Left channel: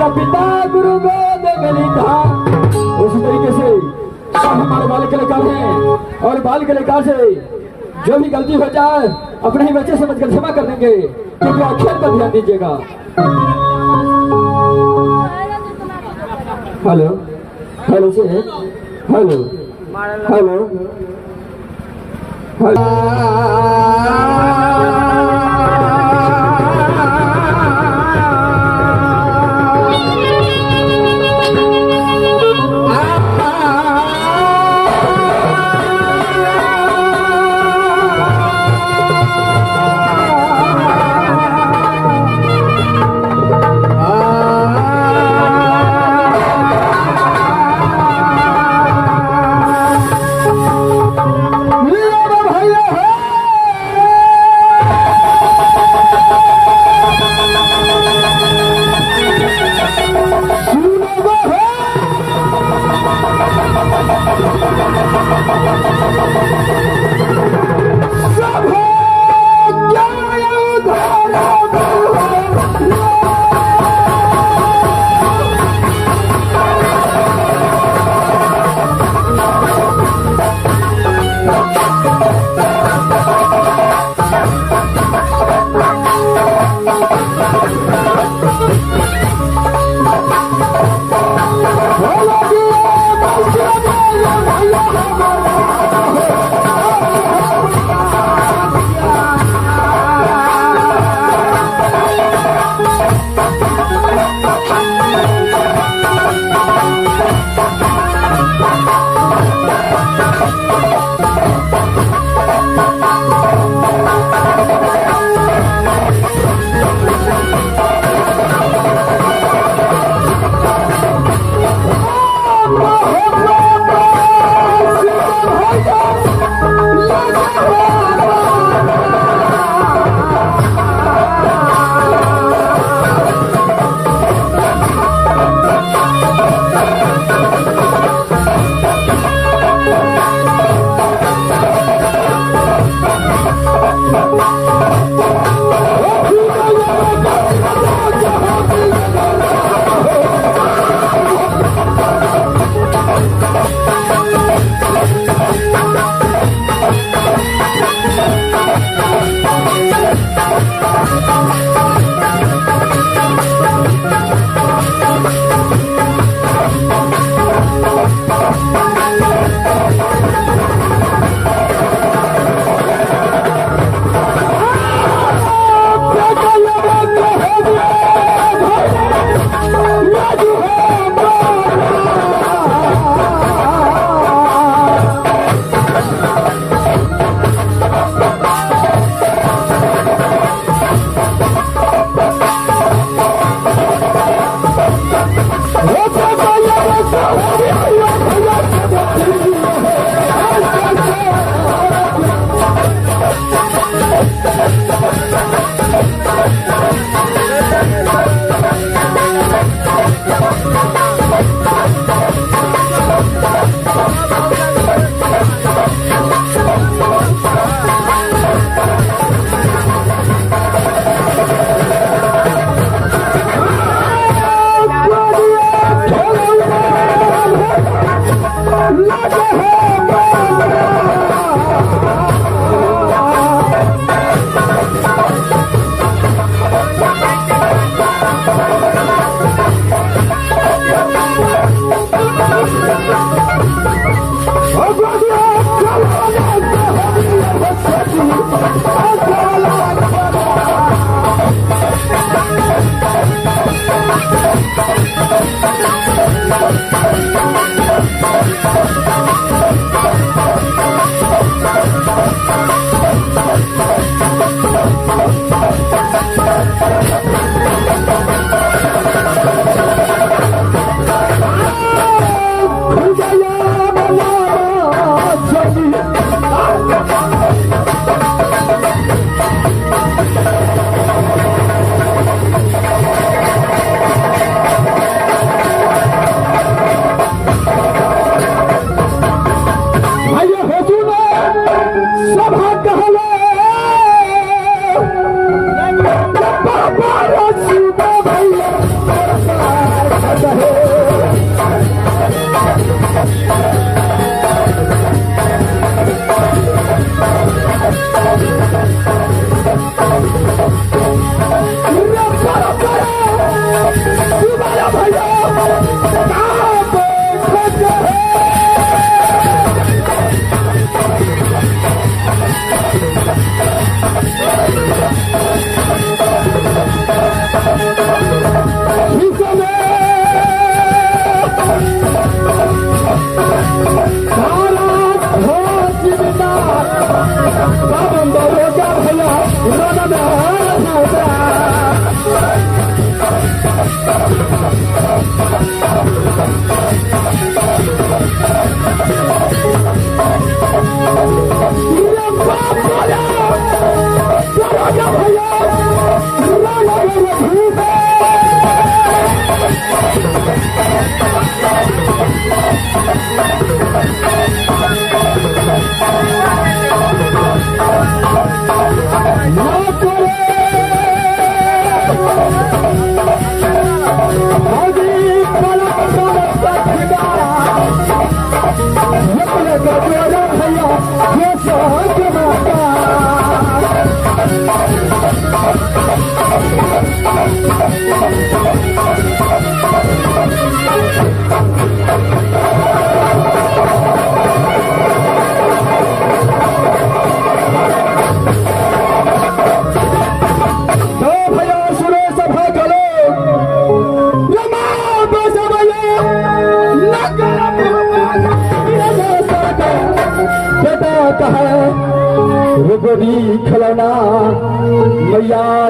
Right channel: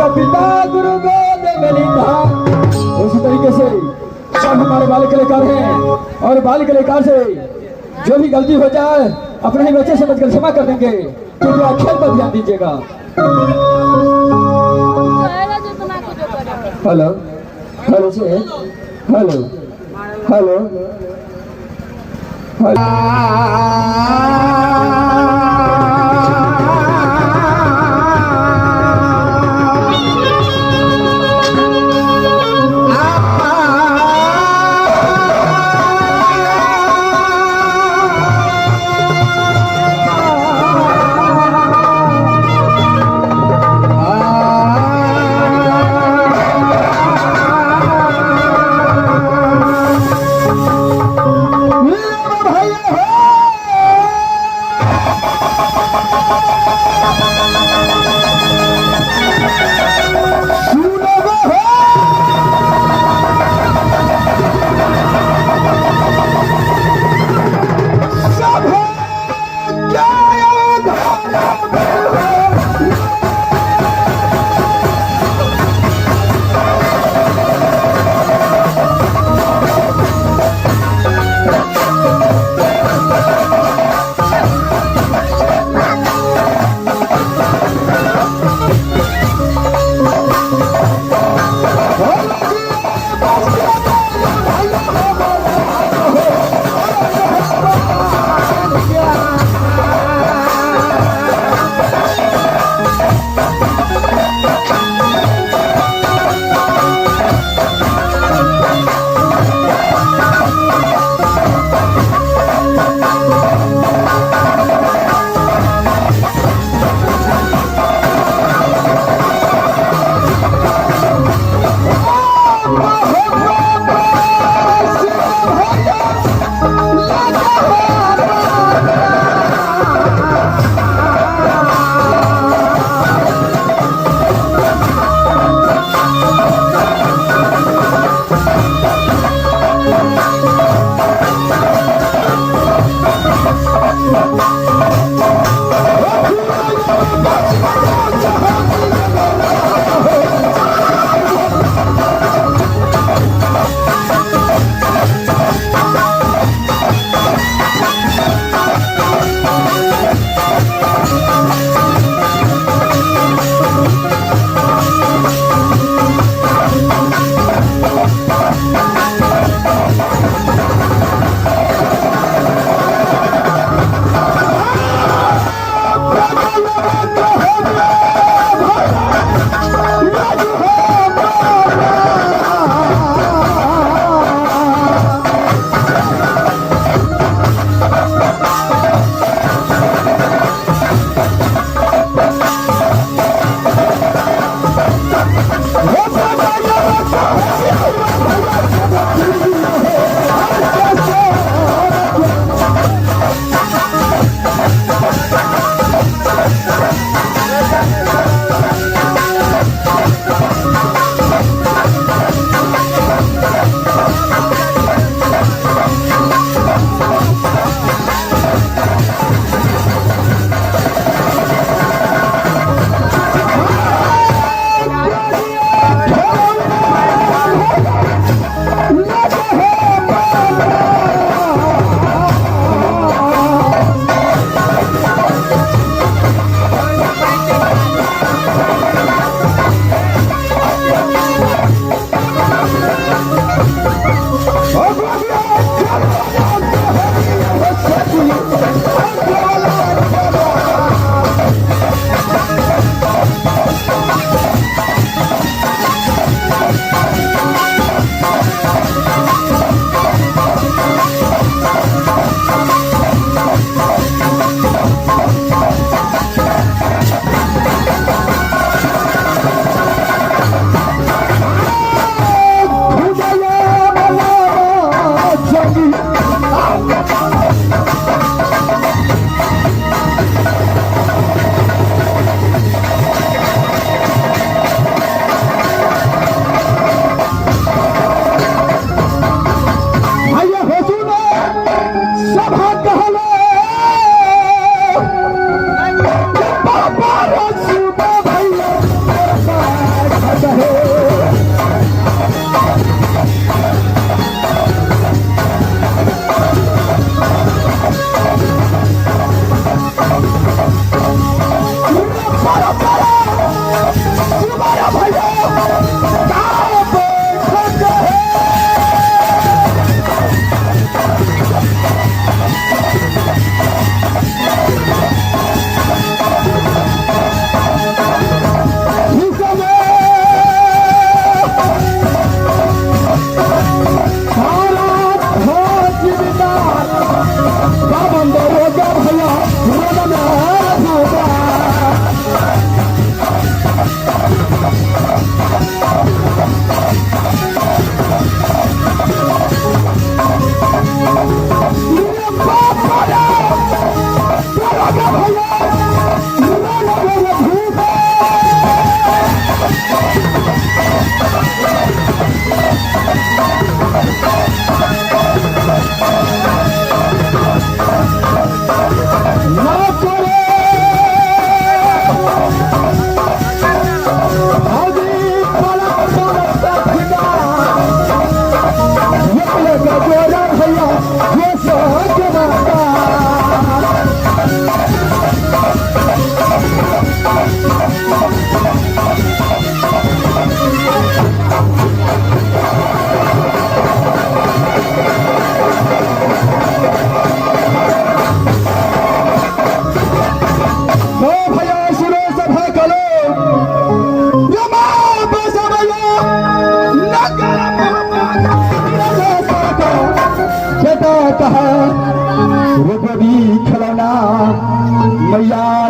माता पिता गुरु गोद में लीधा। उसी तरीके से सब हमारे बाल कलाकार हैं और बाल कलाकार से जो भी गलती हो जाए अपने ही बच्चे समझकर क्षमा कर देंगे, क्योंकि अक्षर पर ध्यान दीजिएगा। हेलो हेलो से हेलो हेलो हेलो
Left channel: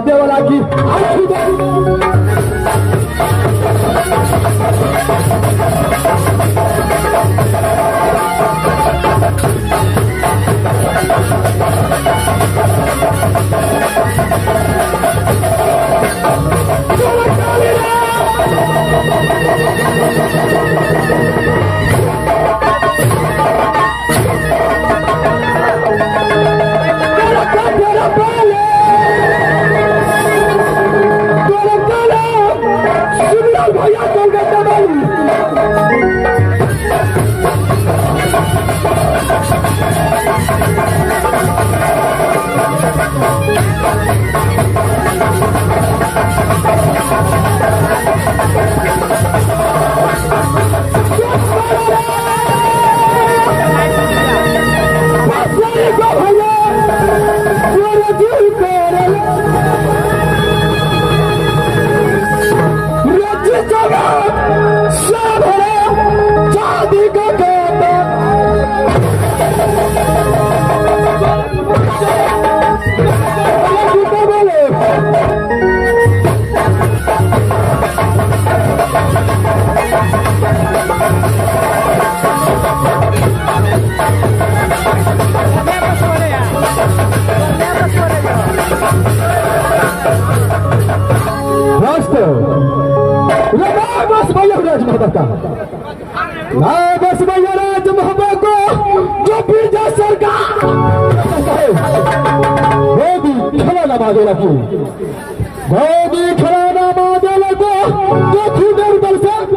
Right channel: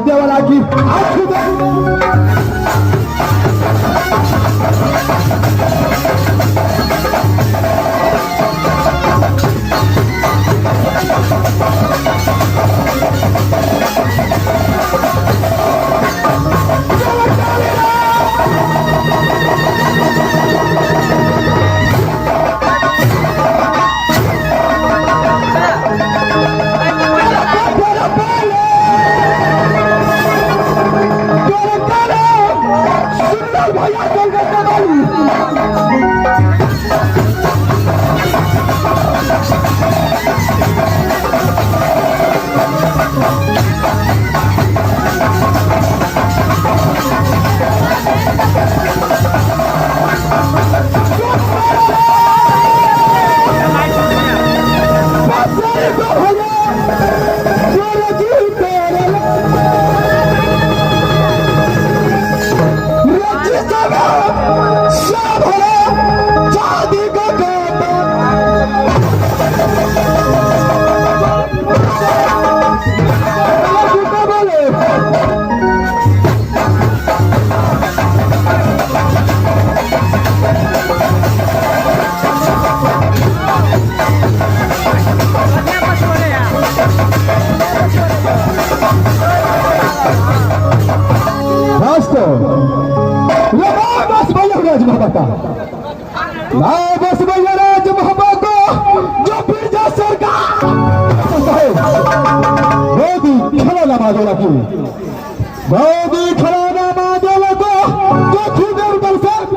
महादेवाला की असू दे. बस भैया राज महाबा बस भैया राज महाबा को जो फिर जा सरकार मोदी खड़ा ना मांगेला क्यों मोदी खड़ा ना मांगेला तो देखी देर दर्शक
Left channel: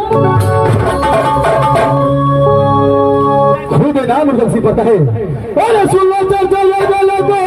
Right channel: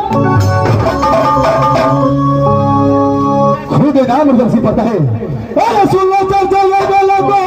खुद नाम दर्शी पता है अरे सुन लो चल चल लगो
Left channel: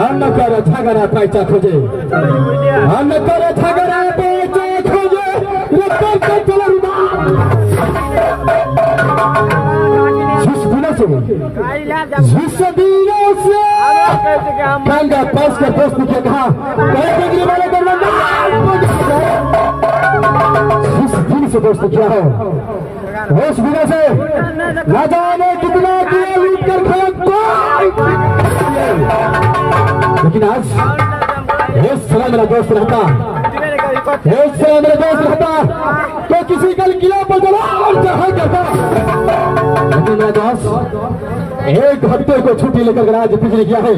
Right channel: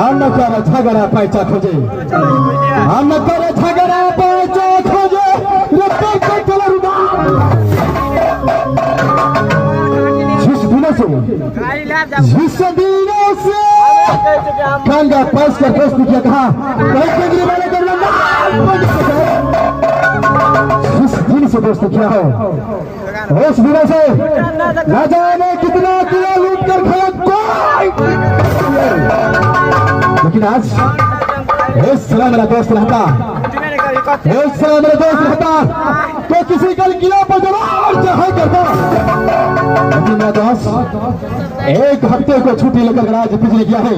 अन्न कर झगड़ा पैसा खोजे, अन्न कर झगड़ा पैसा खोजे, जिस गुना से जिस दिनों से गंगा पास के दोस्त क्या कहा, जिस दिन से दोस्त क्या हो, उस दिनों से न जाने कितना किया लूट कर खाया, लेकिन आज इस सलाह मेरा दोस्त रहता, इस सलाह मेरा दोस्त रहता तो किसी कल किला पर जलाल चाहे करता, लेकिन मेरा दोस्त एक हफ्ते को छुट्टी लेकर गराज बिजली किया है,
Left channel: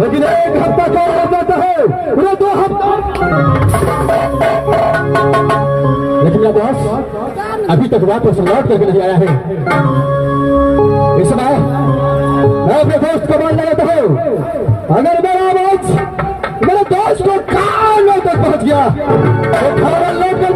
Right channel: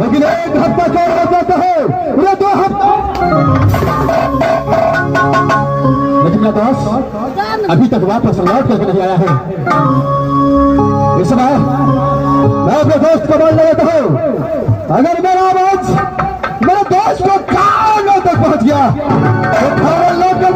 लेकिन एक हफ्ता कौन हो जाता है, ये 2 हफ्ता, लेकिन मेरा दोस्त अभी तक वापस लौट करके नहीं आया है। इस समय मैं अपने दोस्त को बोल लगाता हूँ, अगर मेरा आवाज मेरे दोस्त को कानों तक पहुंच गया तो खबर लौट कर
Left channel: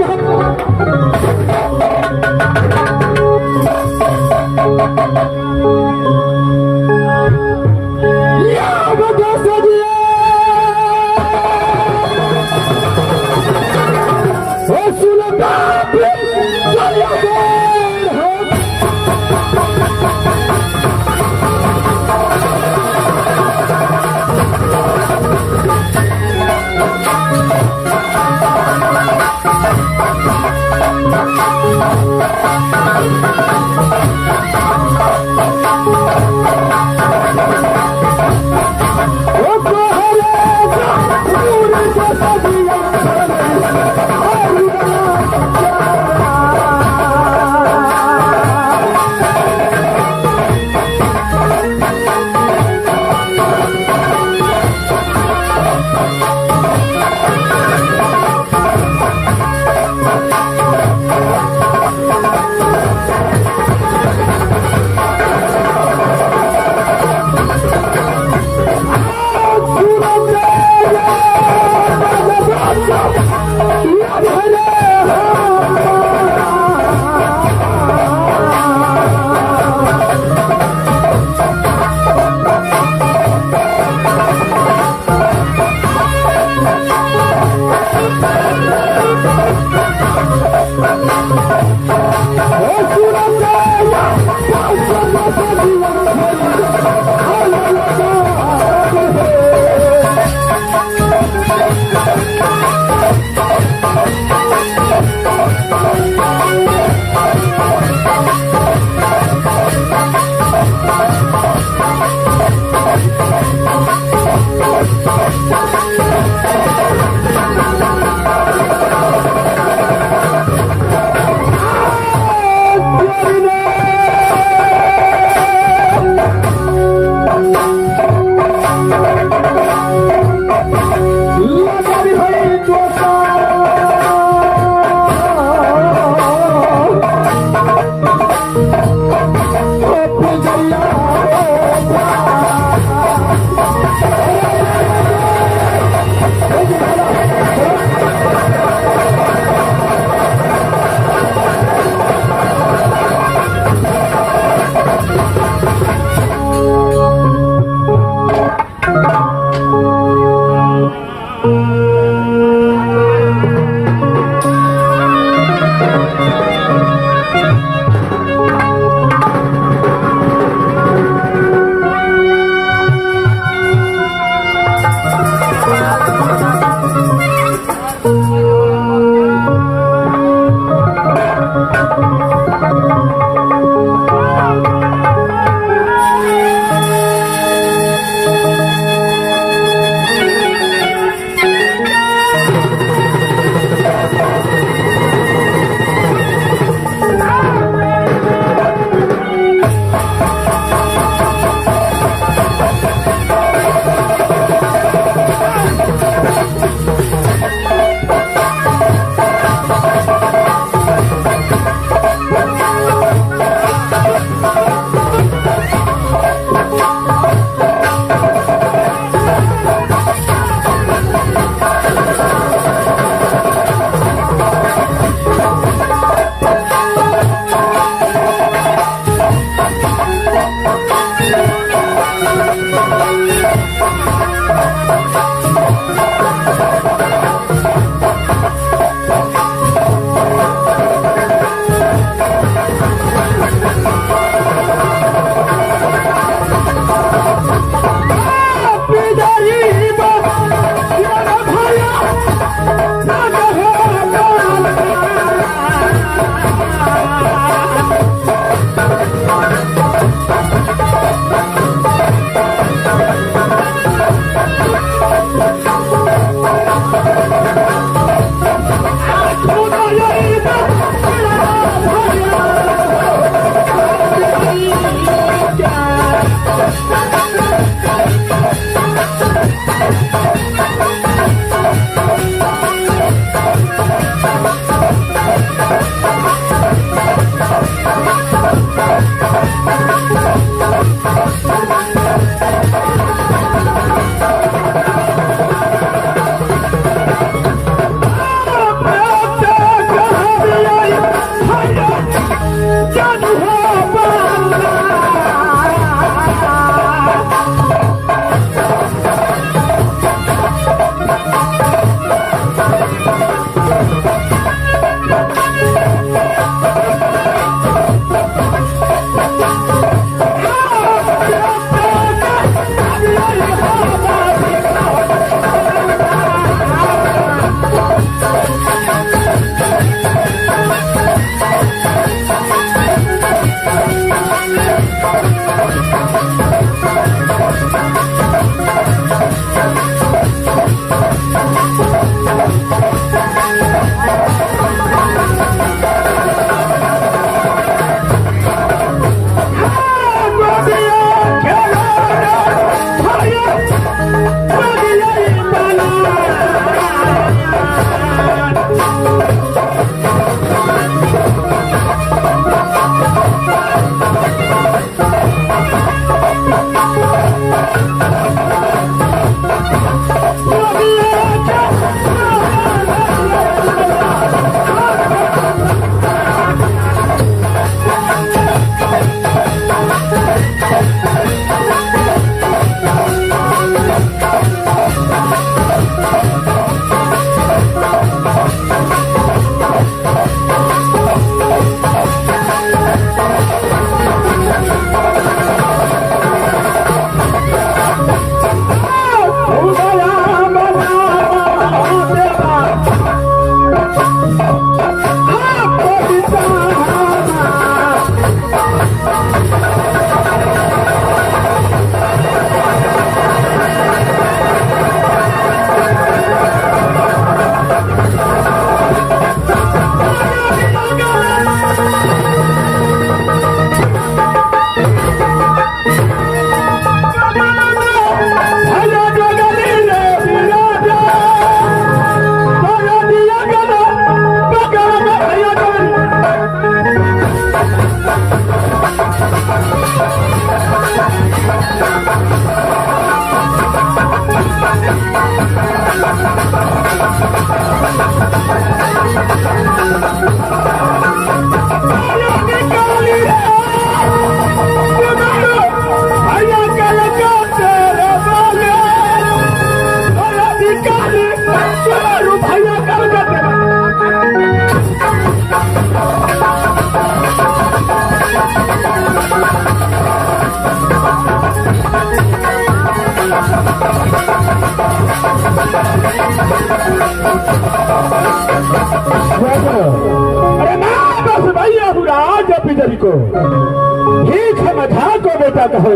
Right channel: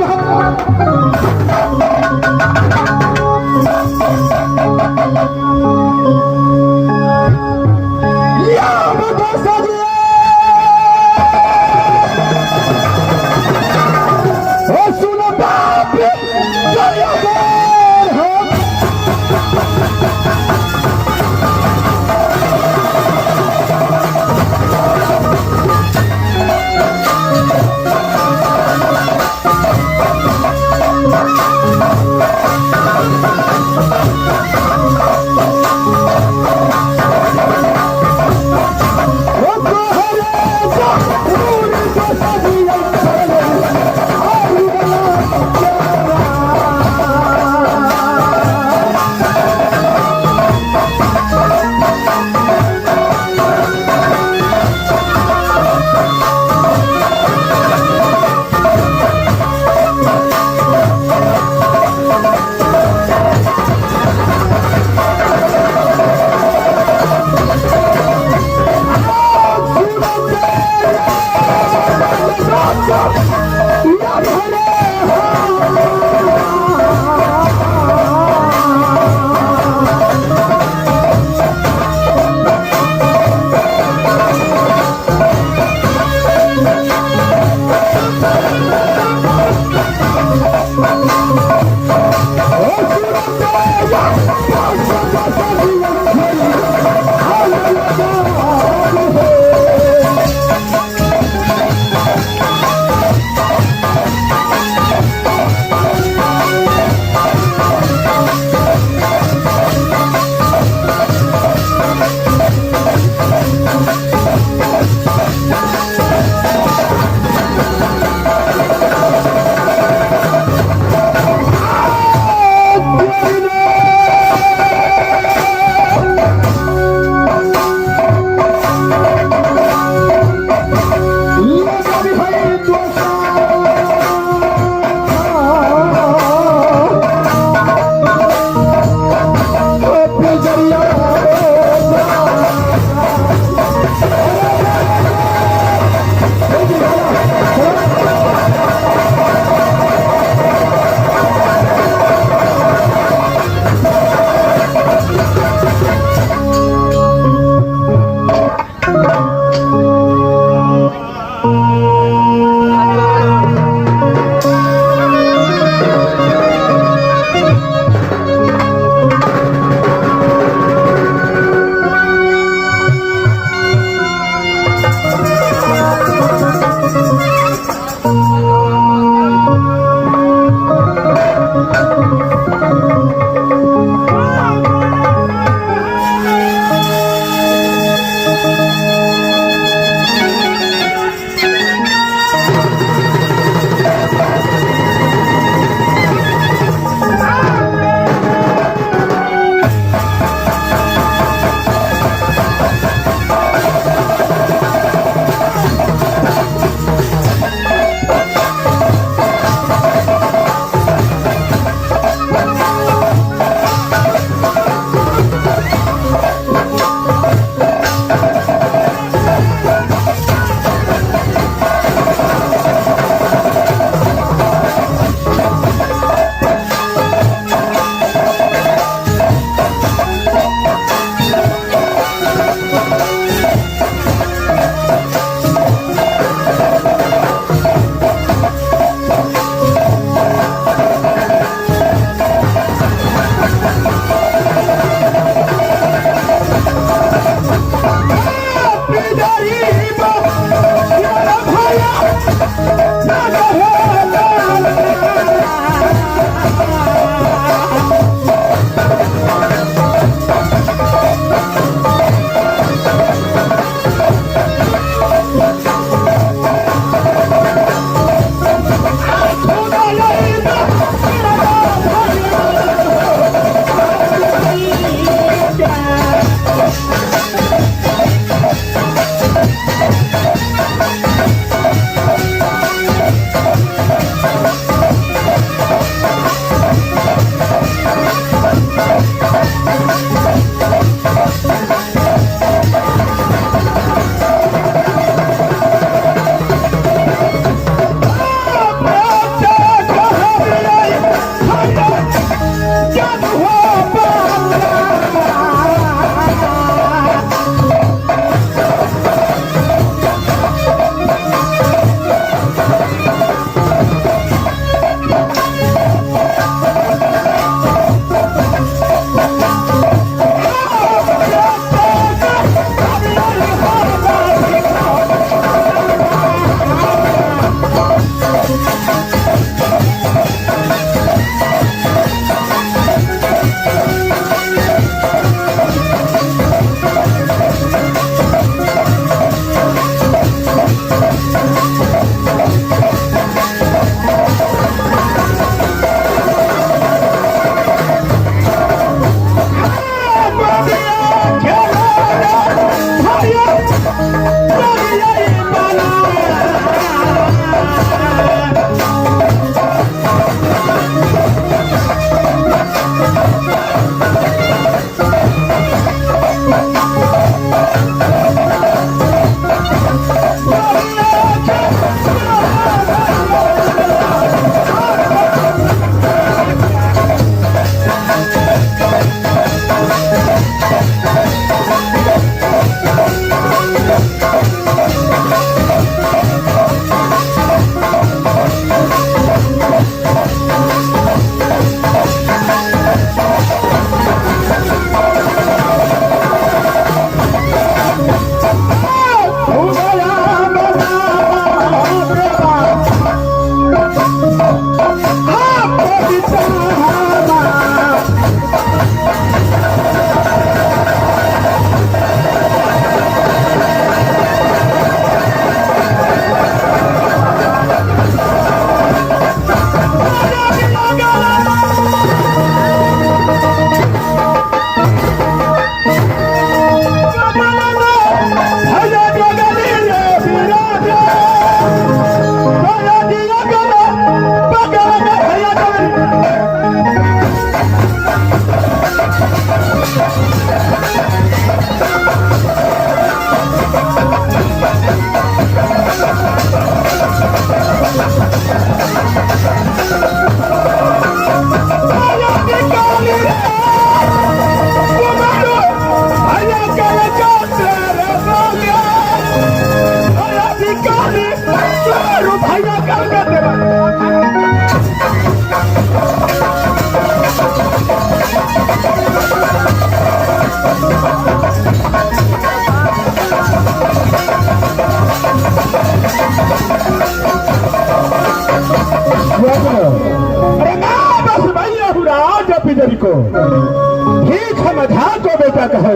ठीक है मधा तो बेटा कहे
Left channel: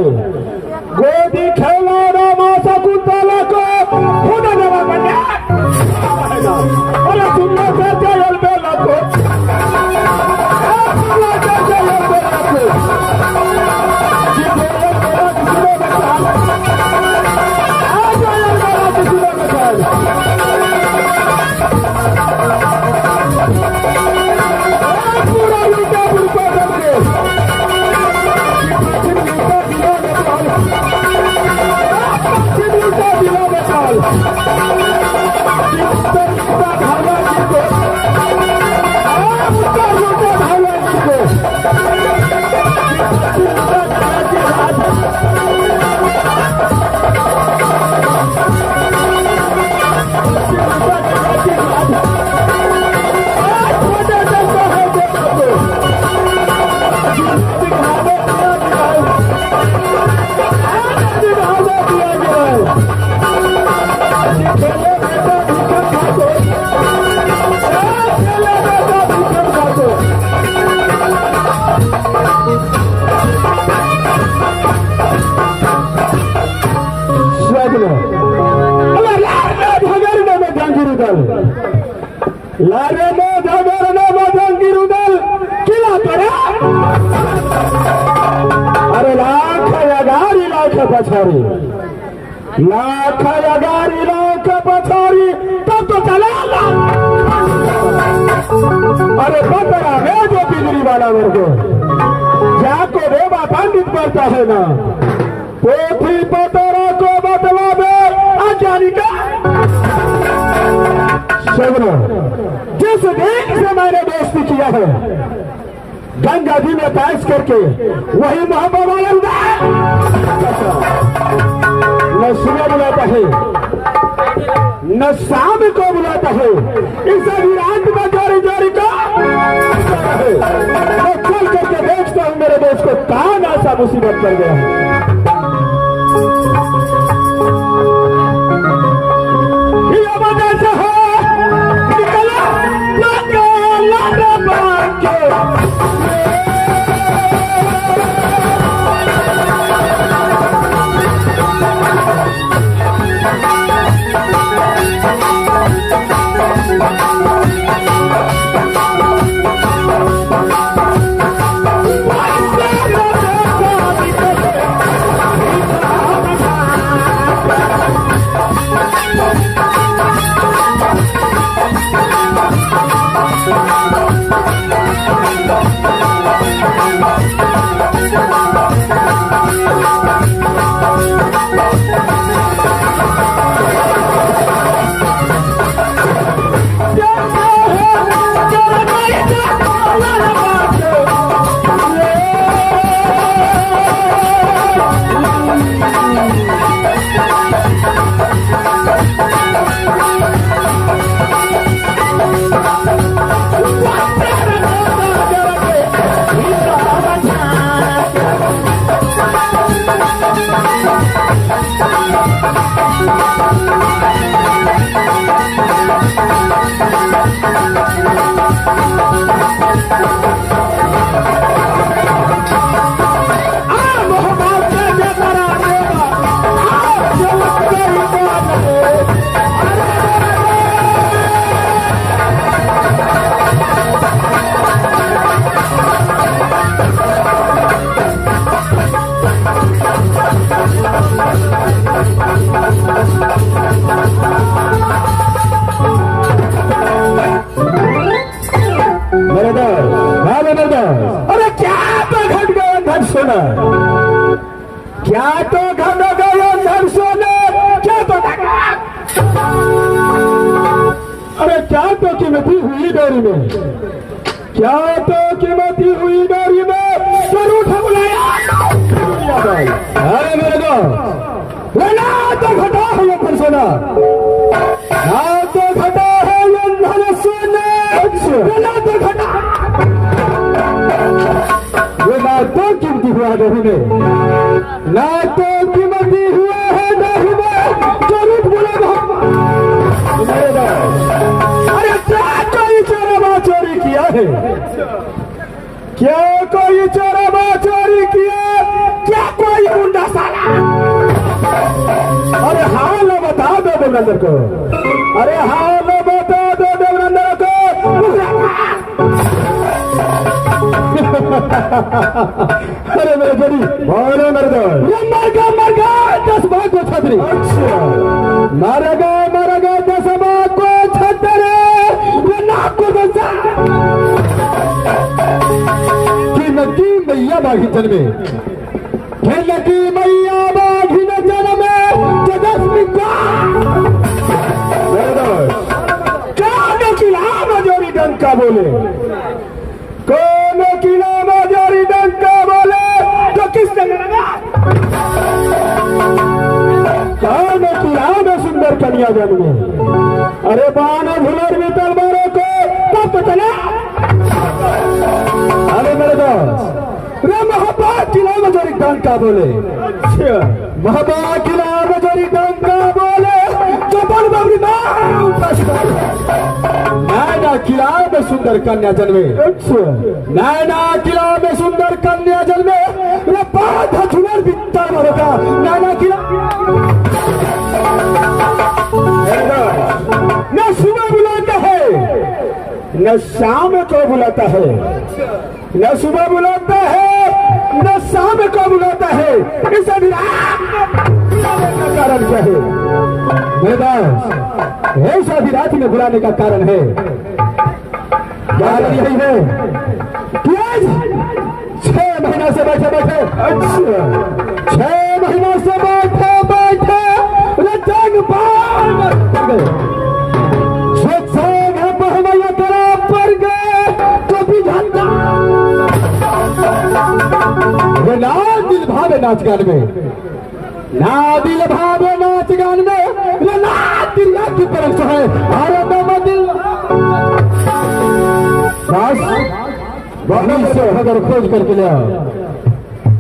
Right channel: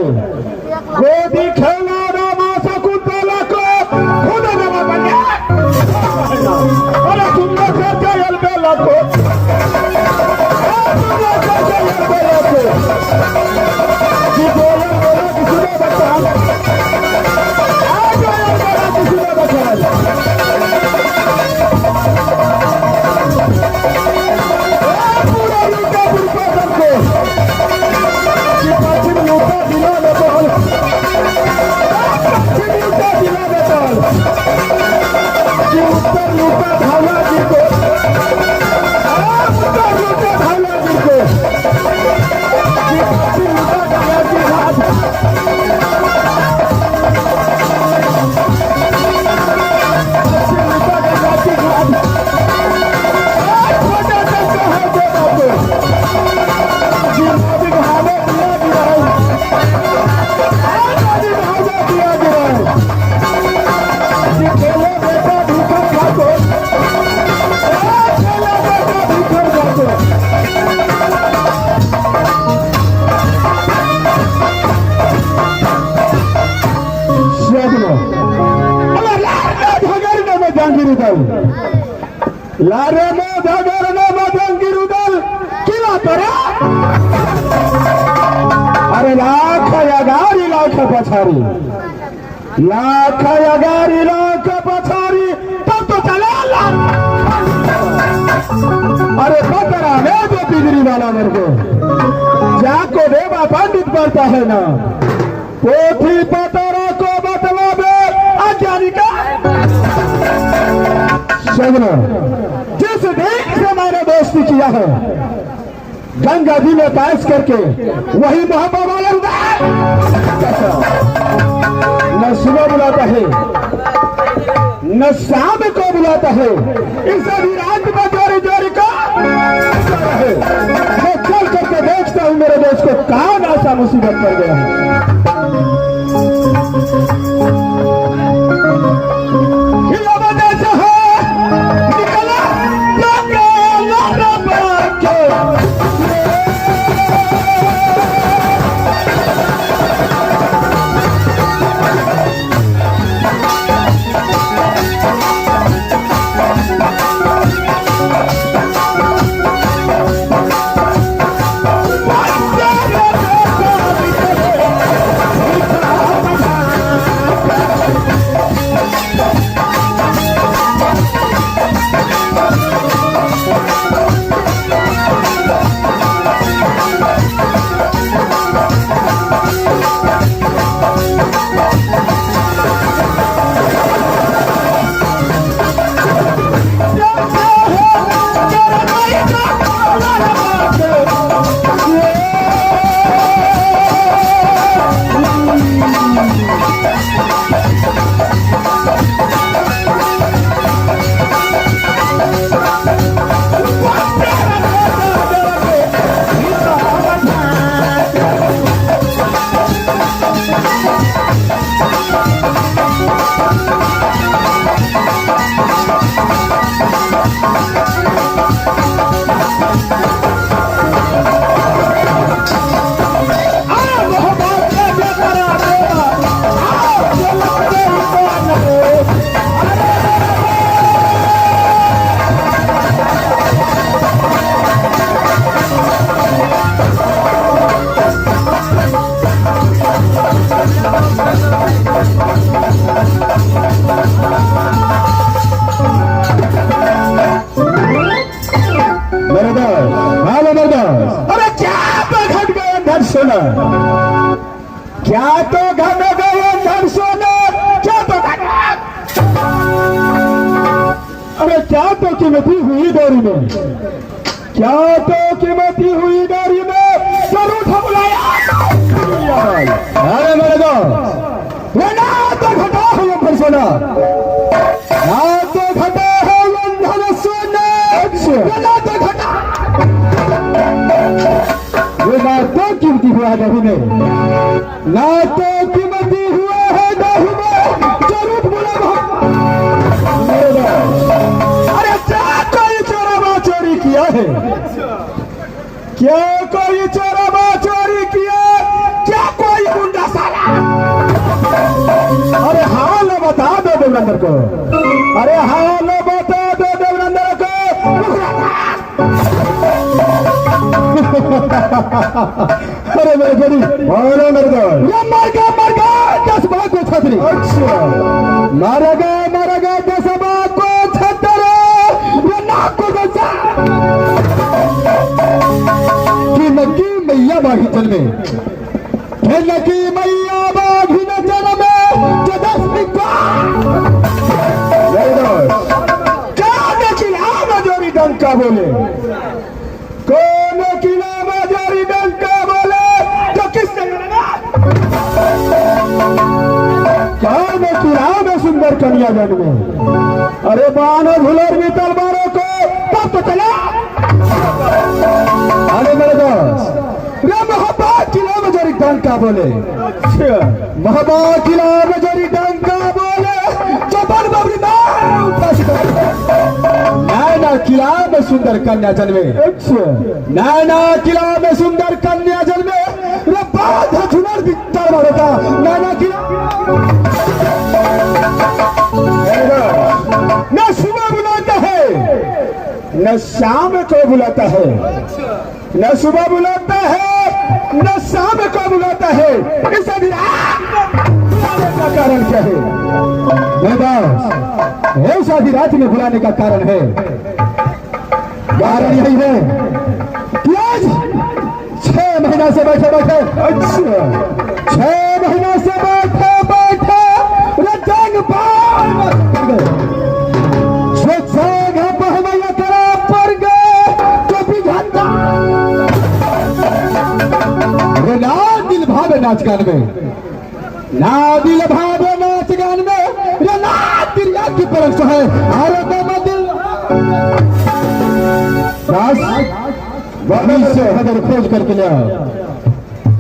गोदी खेला रामा शकुंतला को खुद गला बने अरे तुमने कैसे लड़के लड़को लारे में धगरने मधंगी रुदल किला पड़ा अरे लाख यगारी लाख पछारी लाख यगारी लाख पछारी तब तो चला अरे बतरा है जो बिजली वाला मेरे को जाको देवा पंडित पढ़ता है ना पोथी पतरा को बतला दे आचारिका जिस देश से मैंने दोस्ती किया है गंगा जी में ताश करके वही मोहब्बत न सुबह बुलाता है न शाम को बुलाता है इसे विराट का जारी जारी का मैं चल करके देखता हूँ मेरे देश को कौन ऐसा मुसीबत कर गया है मेरे दोस्त, हाँ मेरे दोस्त, अरे क्या तो घट गया धन सोना, क्या तो घट गया धन सोना, क्या तो अरे क्या तो कीमती हुई डोरी में, क्या तो कीमती हुई डोरी में जरूर हम लाया। अरे मेरे दोस्त, ना तो घटा है ये धन सोना, ना तो घटा है ये धन सोना, ना तो घटा ये ना तो कीमती हुआ डोरी में, ना तो कीमती हुआ है डोरी में जरूर बोला। अरे क्या कोई चोरबा चोरी किया है, क्या कोई चोरबा चोरी किया, क्या कोई गुंडा साला, अरे हाल बता दो देवरंदर को, अरे हाल बता दो देवरंदर को। अरे मेरे बड़ी अरे मेरे दोस्त, मर गया 10 बाग को छतरी, अच्छा मारेगा 10 बाग को छतरी, ये नाक को गुस्सा कि नकी मैया बागी जन्मे, कि नकी मैया बागी न जन्मे, जदस्मी को मेरे दोस्त, क्या नकीला मजोरी डंका बोले, कौन किला बाजारी डंका बोले तो किसने लगा, कौन किला में सुंदर कन्या जन्मे, अरे बानो भुलर में तलवारों को तब तो चला। अरे मेरे दोस्त, रे महाबा किला बाजारी डंका बोले, महाबा किला बाजारी डंका बोले जो बल बबरी नैना किला में सुंदर कन्या जन्मे, नैना किला में सुंदर कन्या जन्मे, ये बात है झुलर बितर का नैना किला, न सुबह बुलाता है न शाम को बुलाता है, न सुबह बुलाता है न शाम को बुलाता है, इसे भी बुलाने का कारण क्या है, ऐसा भी रात में बुलाने का कारण है, नहीं है आज 6 महीना से बैठे, अच्छा 6 महीना से बैठे रंग पर गए तो भी घंटा ना दिल भावे नाच गान में, ना दिल भावे नाच गान में, ना दिल की परख है, अरे बाबा दिल कहीं से झगड़ खोज करके ले आओ,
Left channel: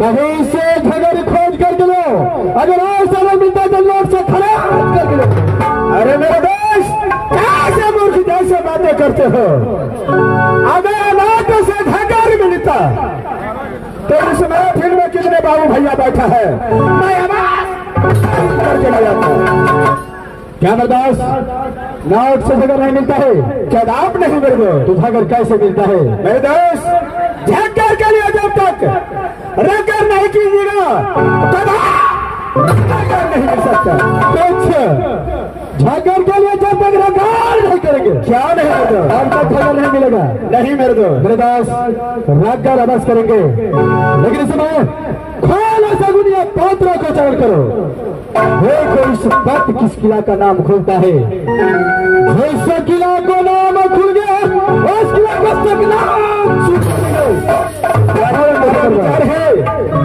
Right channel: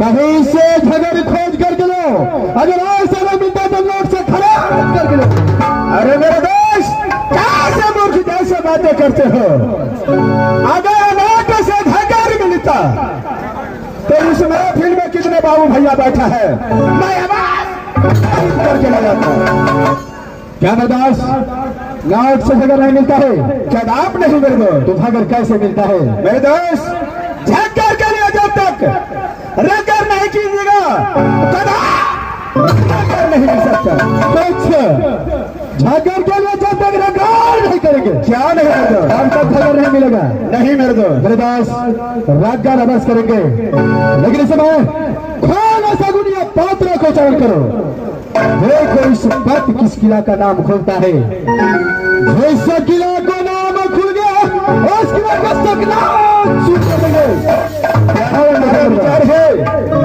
कहीं से झगड़ खोज करके ले आओ, अगर ऐसा नहीं मिलता तो लोग से खड़े करके ले। अरे मेरे दोस्त, कैसे मूर्ख जैसे बातें करते हो, अगर नाट से झगड़ मिलता तो इस महफिल में कितने बाबू भैया बैठा है, मैं आवाज करके लगाता। क्या बर्दाश्त, नाट से झगड़ नहीं मिलता है, क्या आप नहीं मेरे दोस्त, तो झगड़ कैसे मिलता है मेरे दोस्त, झगड़ के लिए जब तक रगड़ नहीं कीजिएगा रगड़ नहीं मिल सकता, तो झगड़ के लिए जब तक रगड़ नहीं करेंगे क्या नहीं होगा, हम तक झगड़ नहीं मिलेगा, नहीं मेरे दोस्त रगड़ अवश्य करेंगे, लेकिन इस समय खाना सगुनिया पौत्रों को चरण करो, देखो इस वक्त किस किला का नाम खुलता है, जिस किला का नाम खुल गया उस किला का सकना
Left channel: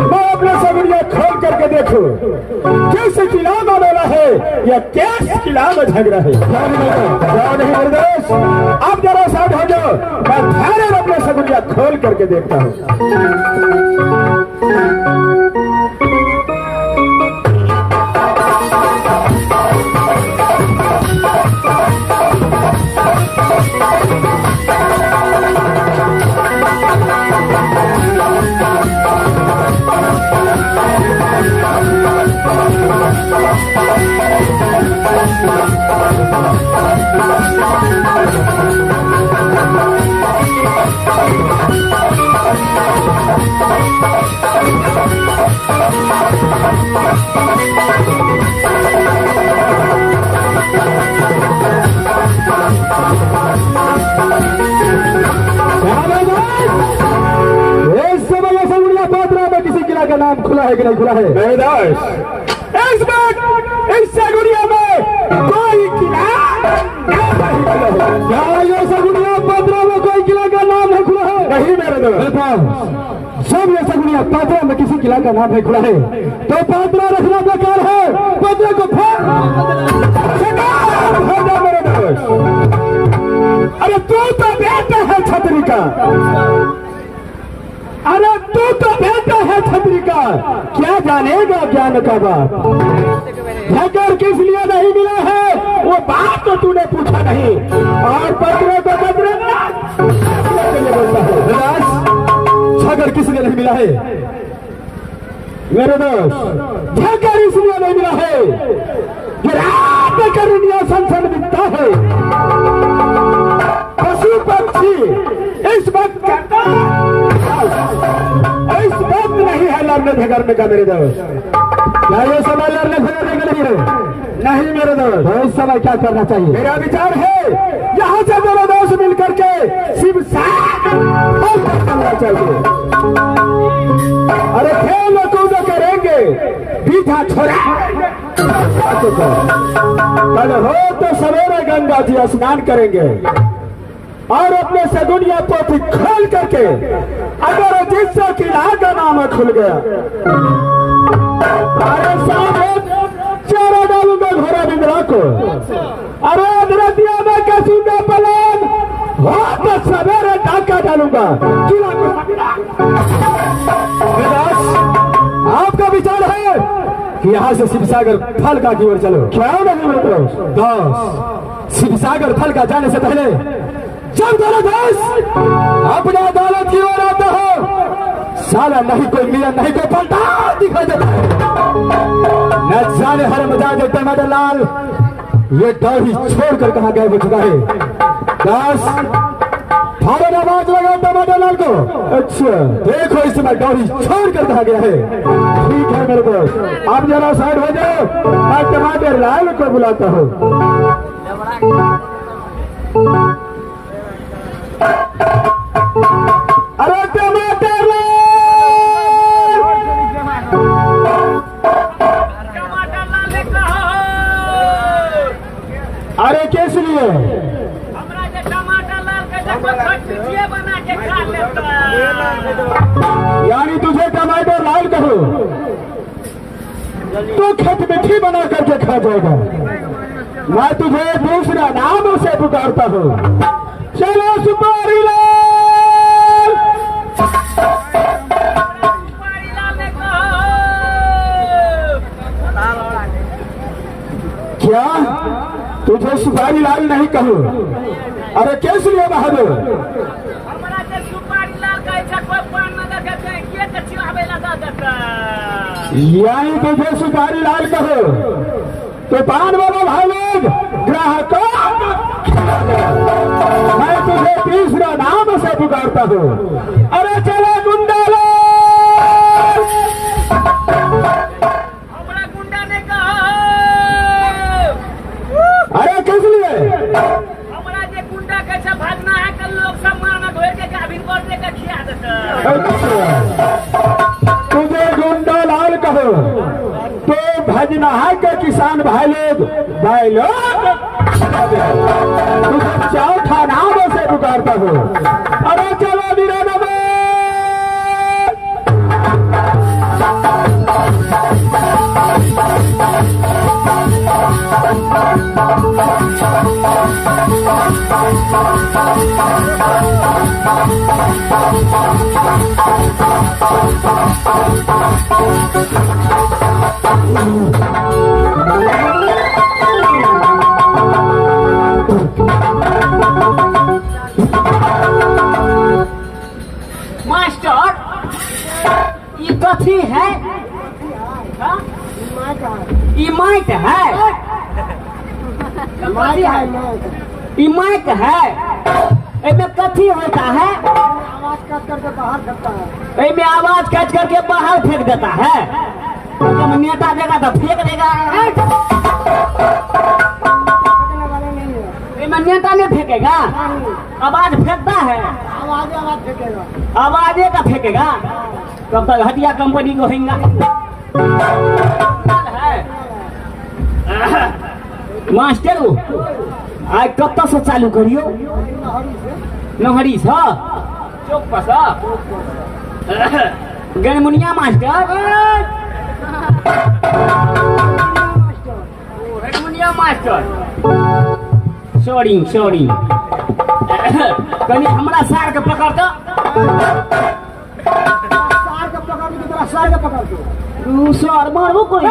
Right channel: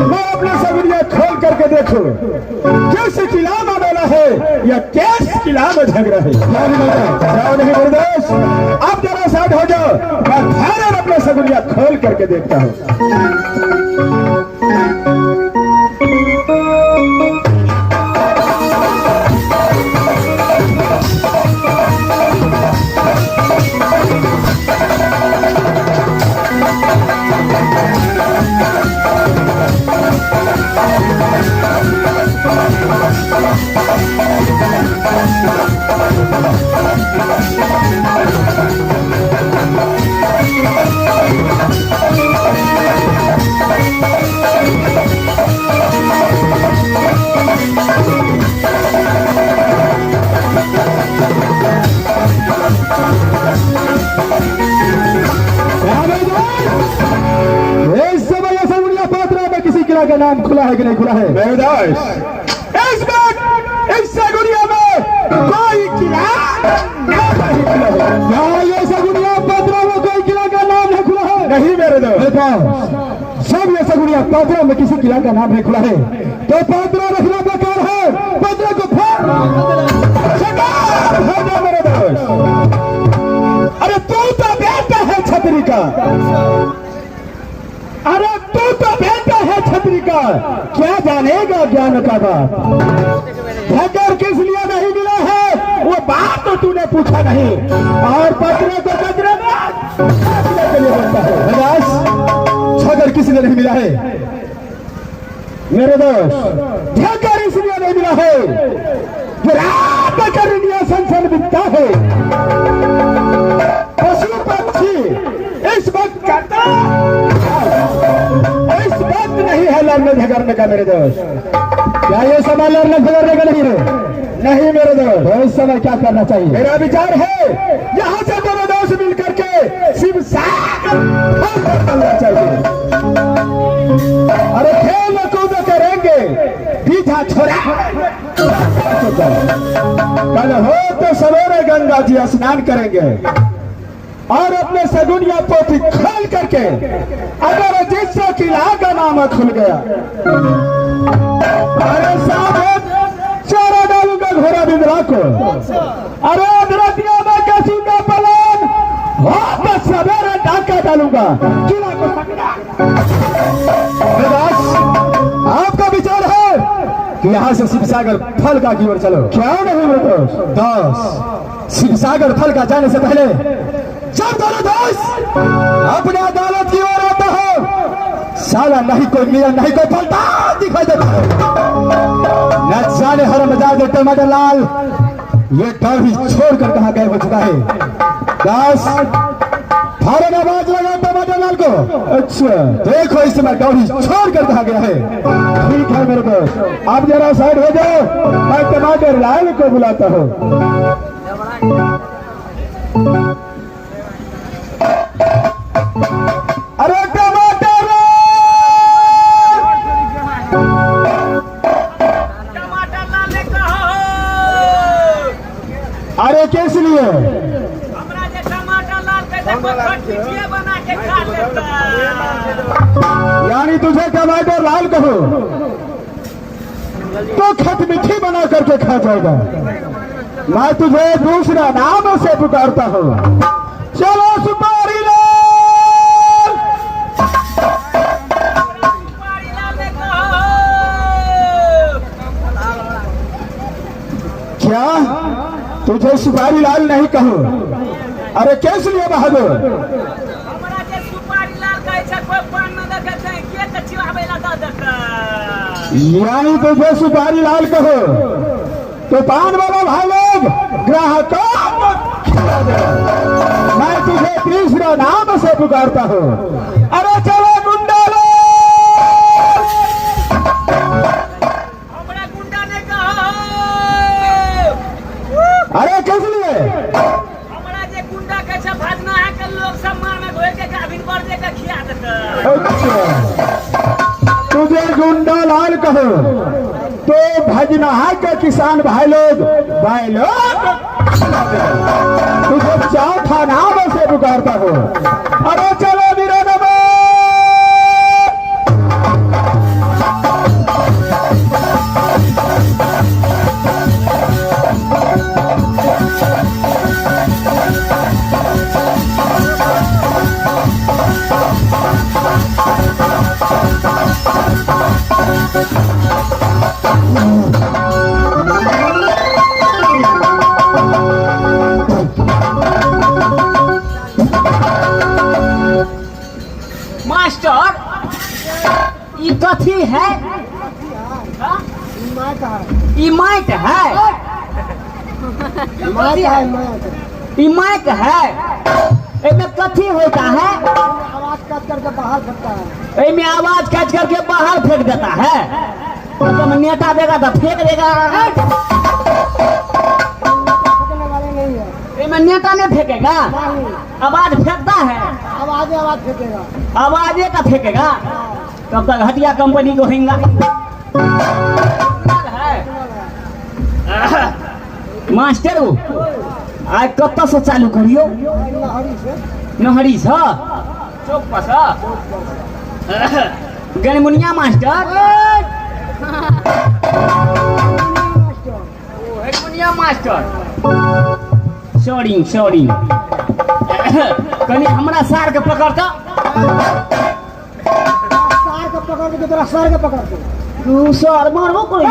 मैं अपना सगुनिया खोल करके देखो किस किला में बोला है या किस किला में झगड़ा है, नहीं दोस्त, अब जरा साइड हो जाओ, मैं ध्यान अपना सगुनिया खोल करके देखता हूँ। भी नहीं खुला है। इस वक्त इस सगुनिया में कोई किला नहीं खुला है। क्या ये सगुनिया पात्रों में कोई किला का नाम नहीं खुला है? नहीं मेरे दोस्त, सब ये सगुनिया पात्रों में किसी किला का नाम नहीं खुला है। तो पात्रा रखना बेकार है, पात्रों को मेरे दोस्त। अरे तू तो बेटा है छतरी का, अरे तू तो बेटा है छतरी का, क्या जानेगा ज्ञान का बात। धगर किस लिए नहीं मिला है वो बात तो तूने पूछा नहीं, और पत्रों को झगर किस लिए नहीं मिला है मेरे दोस्त? झगर इसलिए नहीं मिला है कि रात कर संसन बिकता है। पशु पक्षी इस वक्त नहीं है लड़ने झगड़ने का मेरे दोस्त। क्या ये समय लड़ने झगड़ने का नहीं है? नहीं मेरे दोस्त। इस समय क्या करना चाहिए? मेरा विचार है यहाँ से दोनों दोस्त मिलकर के शिव सागर करना चाहिए। अरे खेल कूद करेंगे, पीछा छोड़ा कल हो तो सवेरे गंगा जी स्नान करेंगे और अपने सगुनिया पोथी खोल करके अगर जिससे किला का नाम खुल गया, अरे साथ चारा डालूंगा घोड़ा बिंद्रा को। अरे अधरतिया में कसी का पलान तो सवेरे डाका डालूंगा किला को। आपका विचार है कि यहाँ से शिवसागर फलका की ओर चलो। क्या नहीं दोस्त, शिवसागर फलका जाने से पहले जब दोनों दोस्त अपना दौलत की ओर आता हो, साला नहीं कोई मेरा नहीं कोई पलटा दिखाई देता है। न जाने हर मजा देते मदन लाल ये डौरी छोड़कर कहाँ गए हो चुका है। दास फारन आवाज लगा टमाटर लाल को। अच्छा देखो इस समय डौरी छोड़कर कहा गया है। ठीक है मेरे दोस्त, आप जरा साइड हो जाओ, मैं टमाटर लाल को बुलाता हूँ। अरे टमाटर लाल, टमाटर लाल ने कहो। अरे किस लिए? हमरा जे टमाटर लाल के देखो खटमिठिया बना के खा लेता। यानी तुझे टमाटर लाल कहो तो खटमिठी बना करके खा जाएगा। मैं तुझे दूसरा नाम से पुकारता हूँ। चलो सुपारी लाल। सुपारी लाल ने कहो। क्या तुझे सुपारी लाल नहीं कहो? अरे कैसे लिए बहादुर? हमरा जे सुपारी लाल कहे छै कोई पान न देखे छै के त चिवाबे ला द देता। यानी तुझे सुपारी लाल कहो तो पान वाला भाई लोग ग्राहकों मैं तुझे तीसरा नाम से पुकारता हूँ। अरे चलो गुंडा लाल। हमरा गुंडा ने कहो। अरे किस लिए? हमरा जे गुंडा के छै भजना है कल लोग सम्मान में धोए के गाभिन कर दे के खिया देता। तुझे गुंडा लाल कहो तो भजनहा के किसान भाई लोग तुझे चौथा नाम से पुकारता हूँ। अरे चलो निरानबे। मास्टर ये कथी है? ई माइक है। ई माइक है। इसमें कथी होता है? इसमें आवाज काट करके बाहर फेंक देता है। तो नेता देगा तो फेंक देगा। इसमें नेता नहीं फेंकेगा, आवाज फेंकता है। आवाजे का फेंकेगा। तब तक हटिया कंपनी को होगा। मास्टर आइ कतऽ से चालू करियो नहरी से चौक पर से गनमुनिया मास्टर हेडमुनिया मास्टर सॉरी कनी हमरा सार के पकड़ तो सार के पकड़ के तोरा सार के पकड़ के तू सर मारबो कोई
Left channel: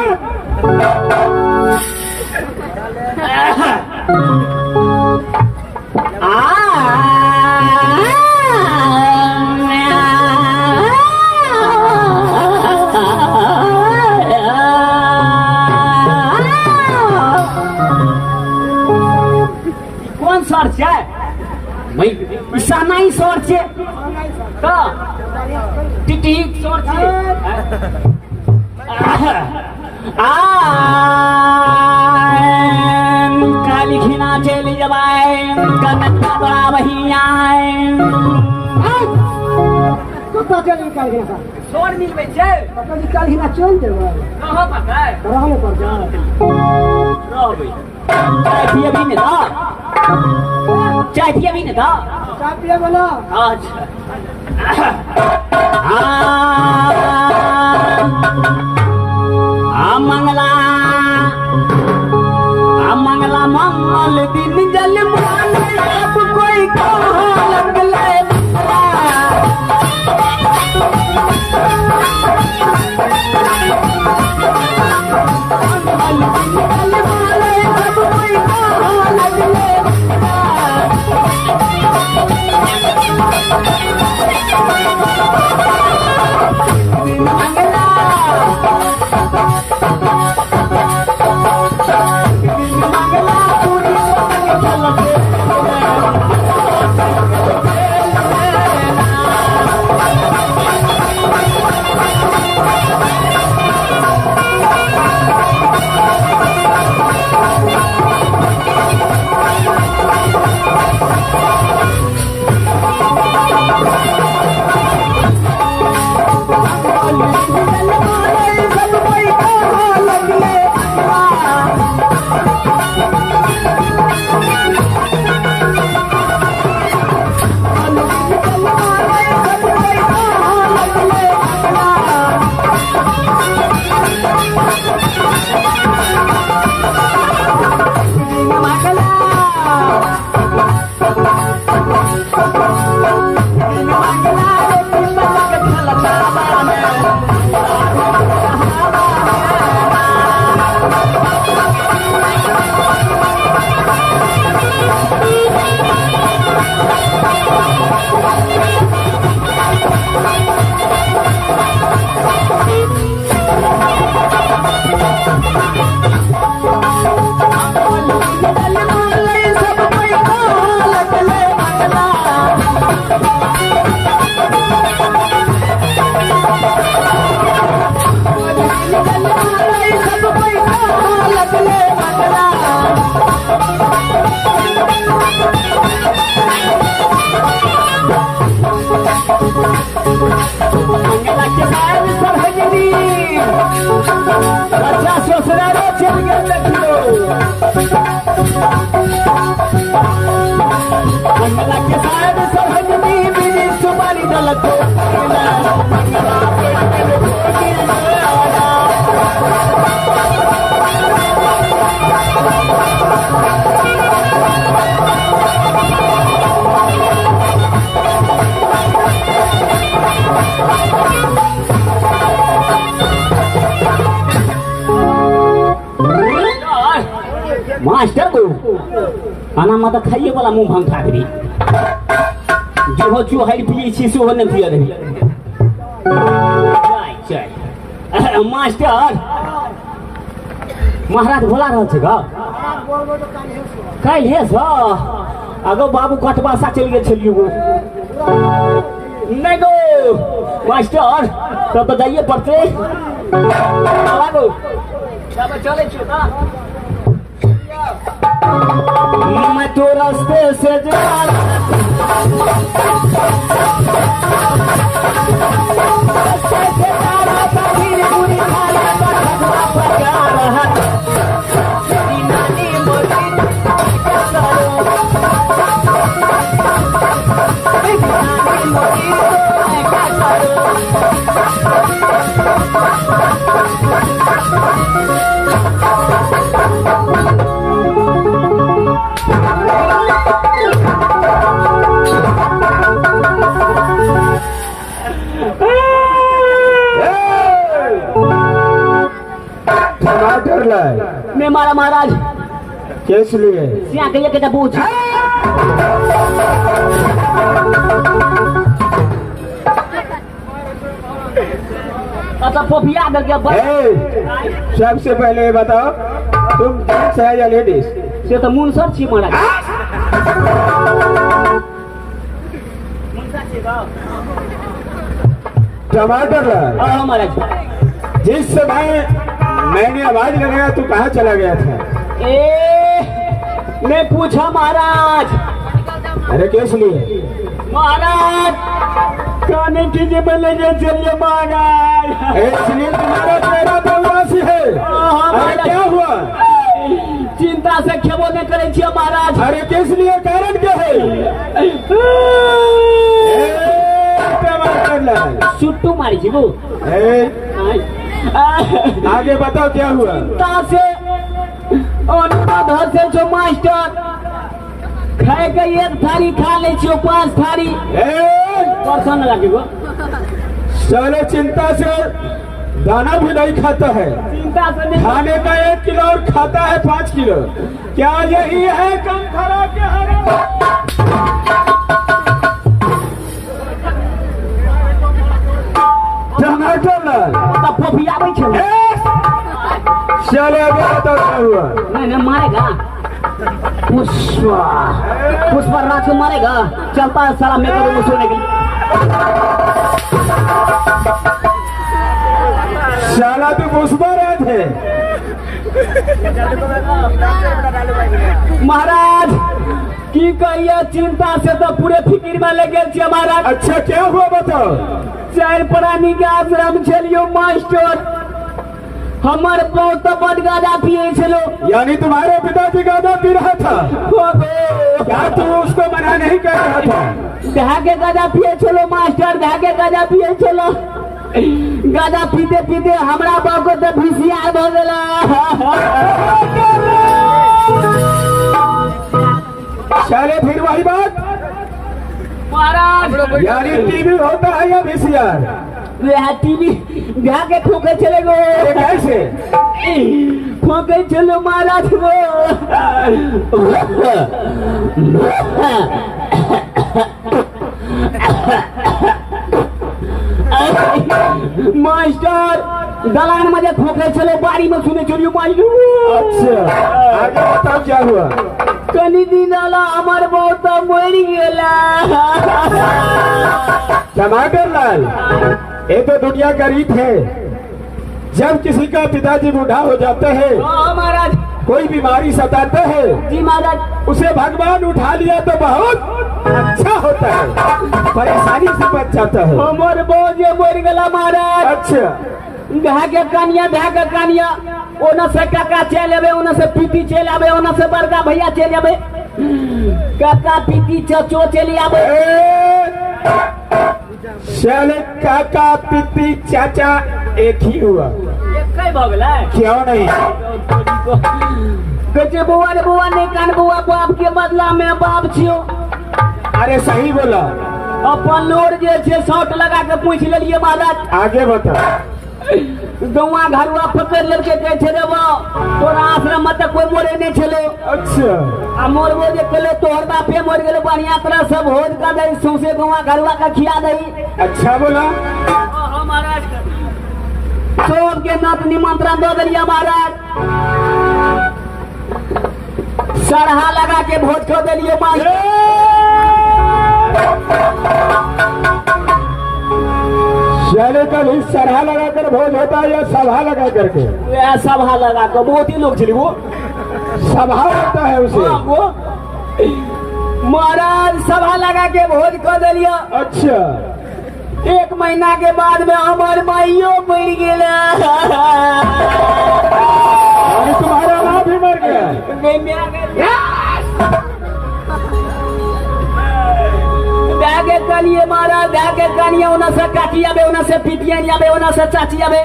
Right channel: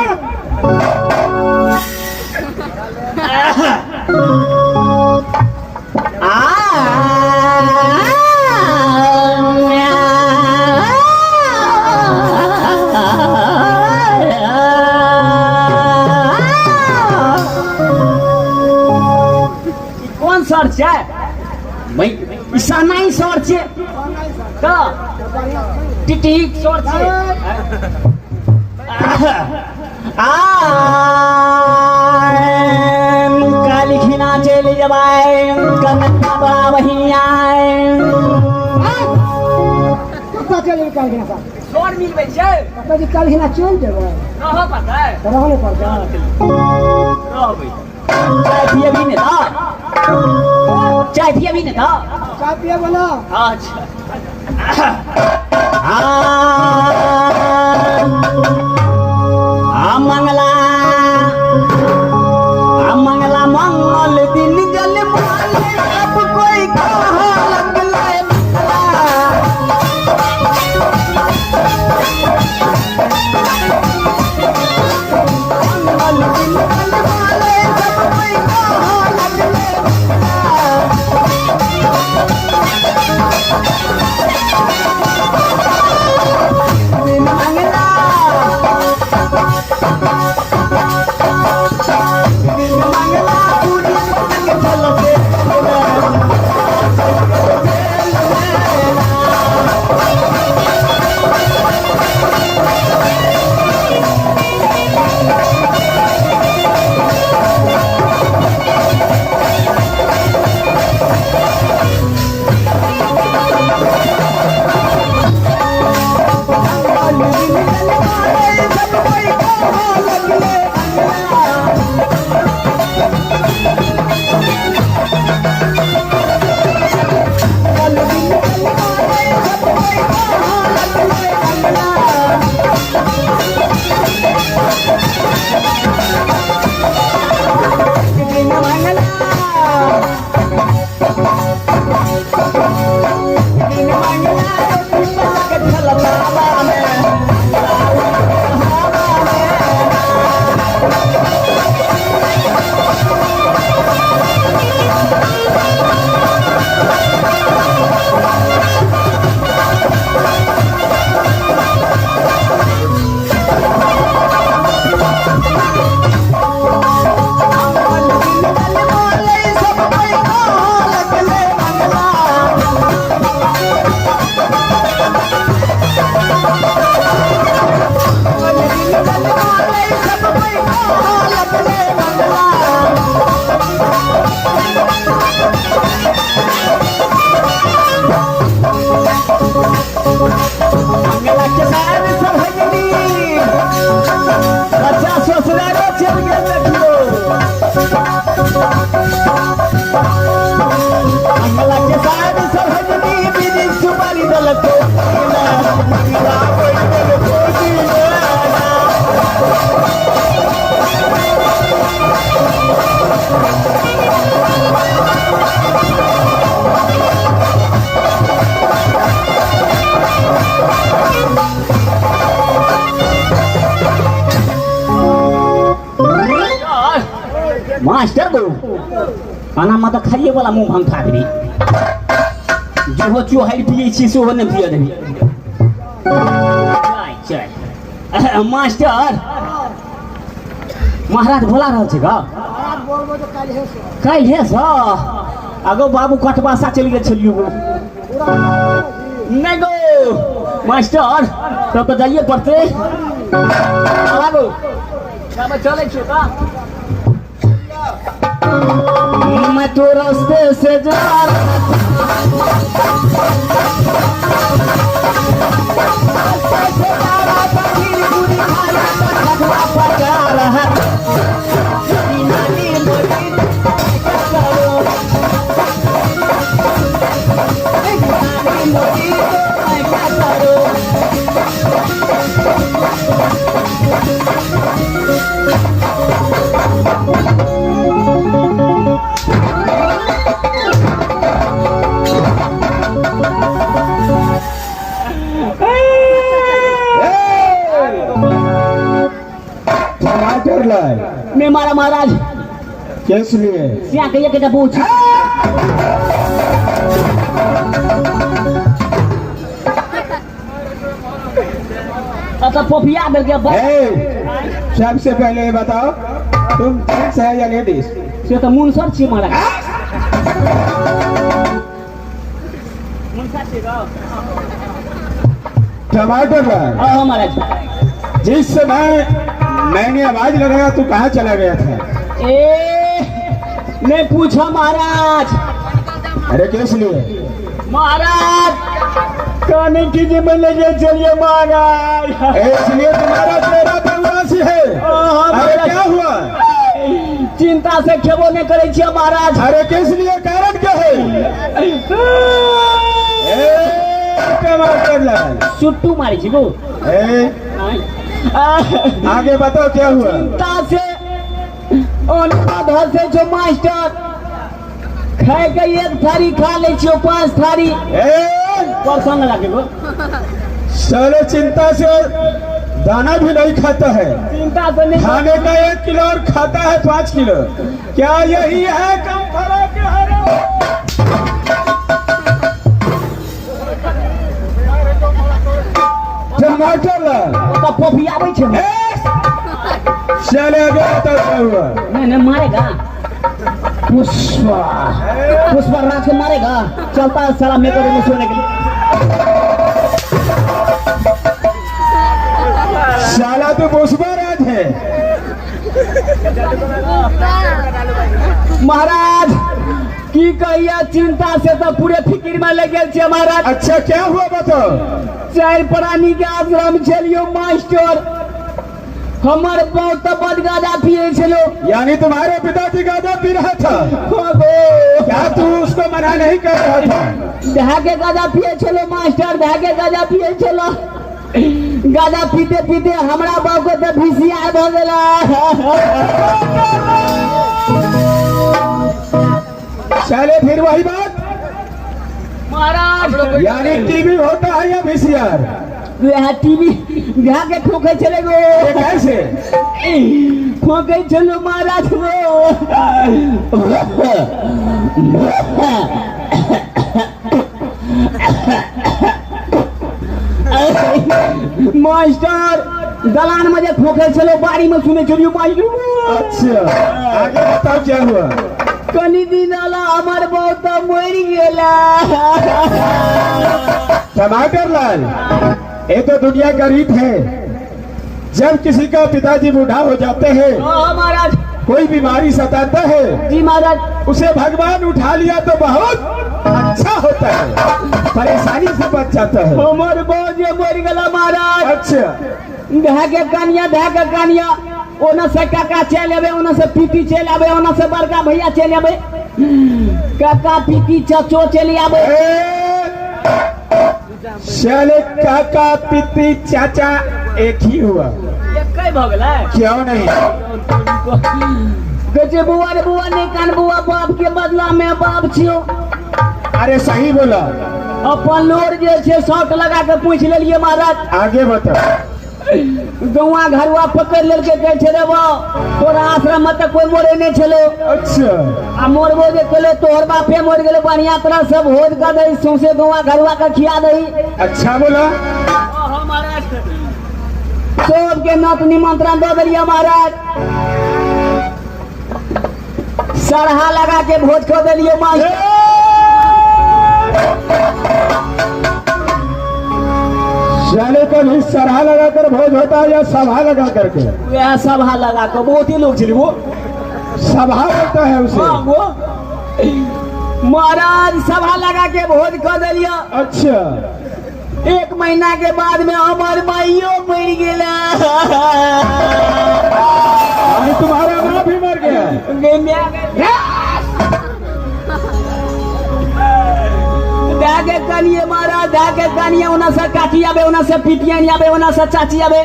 कौन सर छै भाई ईसा नहीं सर छै तो टिटिक सर छै काली खिना चले जबाय कन्ना बड़ा बहिया कतऽ चले काल के साथ सर मिलबे छै कतऽ जी काल के चल जेबै रह पड़तै रहम पर जा रहबै चाय पिए भी नहीं था चाय पिए भी नहीं था चाय पिए वाला अच्छा मंगला मंगल दिन जल मान अब कोई कहाँ लगले मास्टर को खाना मत खाइए वाला मुंह भंग खा करी जो हो चो हाई पिए छी सो ने पिए रही चाय मास्टर महाराज बोला रहल छै गा काल हे सा अगो बाबू कटवा सा चल गेल छलियो नहीं गो मास्टर तब बताइए पड़ते लागो तब चले छी का मैं तो रास्ते से जा रहा था फिर पूरी खाना मैं मारा महाराज किस लिए? क्या कहिए कि पूछ अच्छा पोफिया दे के सबसे पहले ये बताओ तुम जेंट्स है या लेडीज? से तो मुनसर छी महाराज मुनसर छी बा टमाटर हां महाराज जिस समय मैंने आवाज लगाया तू कहाँ चला गया था? मैं पूछा महाराज अरे किस लिए? महाराज खाने की जीवन लेके चलिए महाराज इसलिए तुम्हारा चेहरा तो उदासी है। अरे क्या हुआ? चिंता से खेबो नहीं करे छिए महाराज। अरे किस लिए? कारण क्या है? टमाटर लाल सुट्टू मारी छी वो आगे बताओ क्या हुआ? चिंता से घर से जो मास्टर खाए के एक थारी खा ले छियो 5 थारी परसन लगा के गो साले चिंता से दाना भी नहीं खाता है। चिंता से नहीं खाने का 1 किलो और खाता है 5 किलो। क्या यही है कम फर्क है? टमाटर लाल तो पोफिया आबै छै चले आगे बताओ क्या हुआ? नहीं मारेगा पुष्पा राज को मारेगा चलता है साला मेरे को सोने के लिए साला तो पुष्पराज है। महाराज की कहिए चिंता से तो पूरे फिक्र में लगे छे महाराज। अच्छा क्या हुआ बताओ? 4 प्राणी के आश्रम छलियो मास्टर हमार बहुत बद गाजा पिए छलो। यानी तुम्हारे पिताजी गाजा पी रहा था? क्या तू उसको मना नहीं कर रहा था? धागे गाजा पिए छलो मास्टर धागे गाजा पिए छलो गाजा पीते पीते हमरा बाप को तो भिसिया भ गेला। साले फिर वही बात महाराज यानी टीवी होता है या वीसीआर? वह टीवी धागे ठोके चले गो कैसे ठोके चलो महाराज मास्टर दलान में जे ठोके चले बाड़ी में सुने चलियो मास्टर। अच्छा आगे बताओ क्या हुआ? कनी दिन वाला हमार बहुत मर गेला। टमाटर लाल ये तो दुनिया का रीत है। जब किसी का पिताजी बूढ़ा हो जाता है महाराज कोई बीमारी सताता है जी महाराज उसे भगवान उठा लिया तो बहुत अच्छा होता है, परेशानी से बच जाता है। हमार बहुत मर गेला महाराज। अच्छा धागे कानिया ओना से काका चल आवे ओना से पीती चल आवे ओना से बड़का भैया चल आवे काका पीती चाचो चल आवे। साले काका पिती चाचा एक ही हुआ एक कई भ गेला क्यों नहीं? कचे बुआ रे बुआ ने कान बुआ बाप के बदला में बाप छियो। अरे सही बोला। अपन लोर जे छे शॉट लगा के पूछ लेलिए महाराज। आगे बता। गौवा घरवा पकड़ लेके कहे छे रे बा तोरा आश्रम में कोई मोरे नहीं छलो। अच्छा आ मोरबो जे कले तोहर बापे मर गेले बढ़िया तरह सब होद का दई सौसे गौवा घरवा का खिया दई। अच्छा बोला। हां महाराज सब के नात निमंत्रण दे देलिए महाराज। सरहा लगा के भोज खो देलिए मास्टर। चले पर ही सरहा लगा कर भोज होता है या सभा लगा करके? वह सभा लगा के बहुत ही लोग चली वो सभा होता है उसे। वो महाराज सभा लगा के भोज कर दिलिया। अच्छा 1 महीना के बाद में हमार माइयो मर गेला। अभी तुम्हारा माँ भी मर गया? धागे कनिए मारा धागे कनिए ओना से काकी आवे ओना से पिटिया आवे ओना से चाची आवे।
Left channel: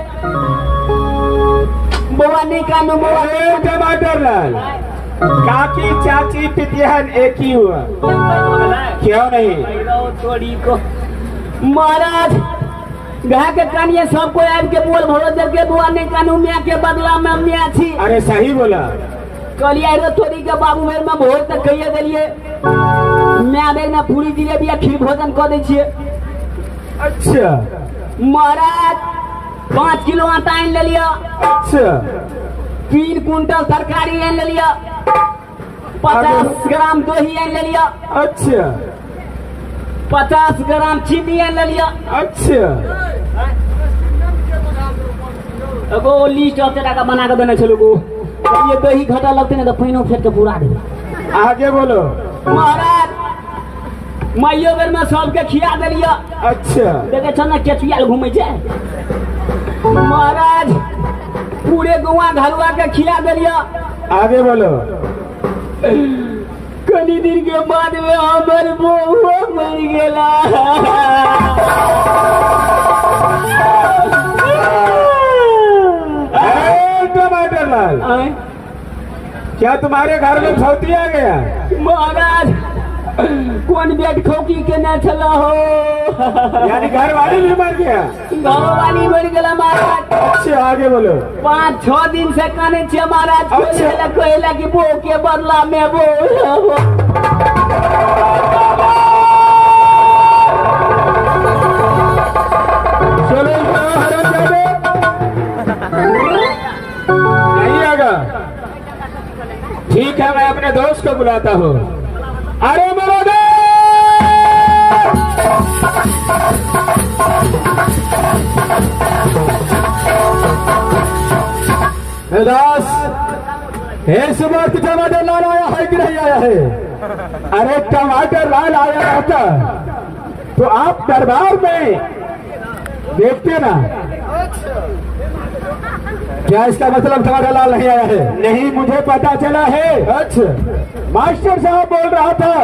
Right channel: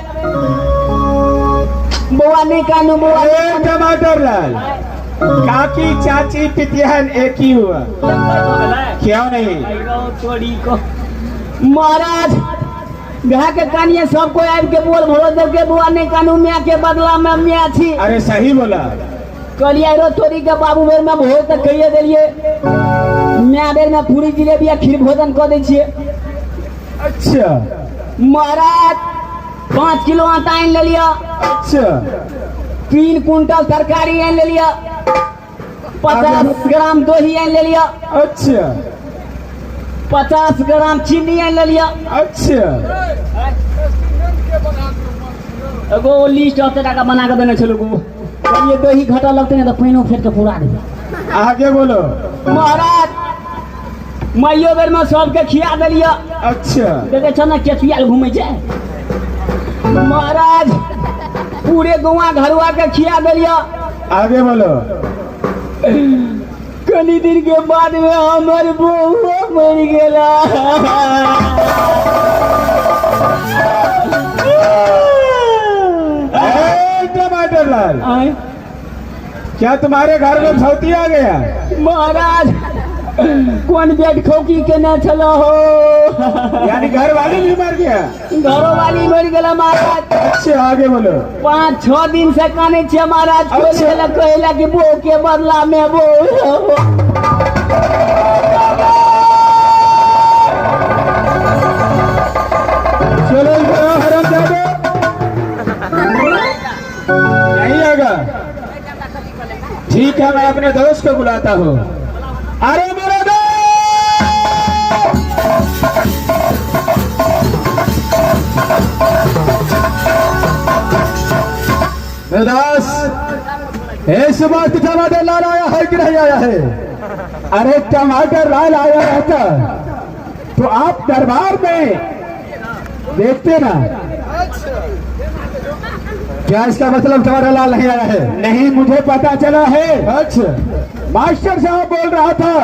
बुआ नहीं कानू बुआ अरे टमाटर लाल काकी चाची पितिहन एक ही हुआ क्यों नहीं? महाराज घा के कानिए सबको आबि के बोल भरो दे के बुआ ने कानू मियाँ के बदला में मियाँ छी अरे सही बोला। कहलिए रो तोरी के बाबू बेर में भोर तक कहिए देलिए मैं बेर में पूरी जिलेबी खीर भोजन कर दै छियै। अच्छा महाराज 5 किलो आटा आनि लेलिया, अच्छा 3 कुंटल तरकारी आनि लेलिया, 50 ग्राम दही आनि लेलिया, अच्छा 50 ग्राम चीनी आनि लेलिया। अच्छा एगो लिस्ट हफ्ते का बना के देने छलो गो ये दही घटा लगते नहीं तो पानी फेंक के पूरा दे। आगे बोलो। महाराज माइयो बेर में सबके खिया देलिया। अच्छा देखे छ ना केतिया घूमे छै। महाराज पूरे गुआ घरवा के खिया देलिया। आगे बोलो। कनी दिन के बाद में हमर बहू मर गेला। अरे टमाटर लाल, क्या तुम्हारे घर में धोती आ गया? महाराज कौन बेट खोकी के न चलो हो। यानी घर वाली भी मर गया? घरों वाली मर गेला महाराज। अच्छा आगे बोलो। 5-6 दिन से काने छे महाराज। अच्छा। कहला कि वो के बदला में वो चलो हरामजादे, नहीं आएगा। ठीक है मैं अपने दोस्त को बुलाता हूँ। अरे मेरा दोस्त इस वक्त टमाटर लाल आया है कि नहीं आया है? अरे टमाटर लाल आया रहता तो आप दरबार में देखते ना। क्या इसका मतलब टमाटर लाल नहीं आया है? नहीं मुझे पता चला है। अच्छा मास्टर साहब बोल रहा था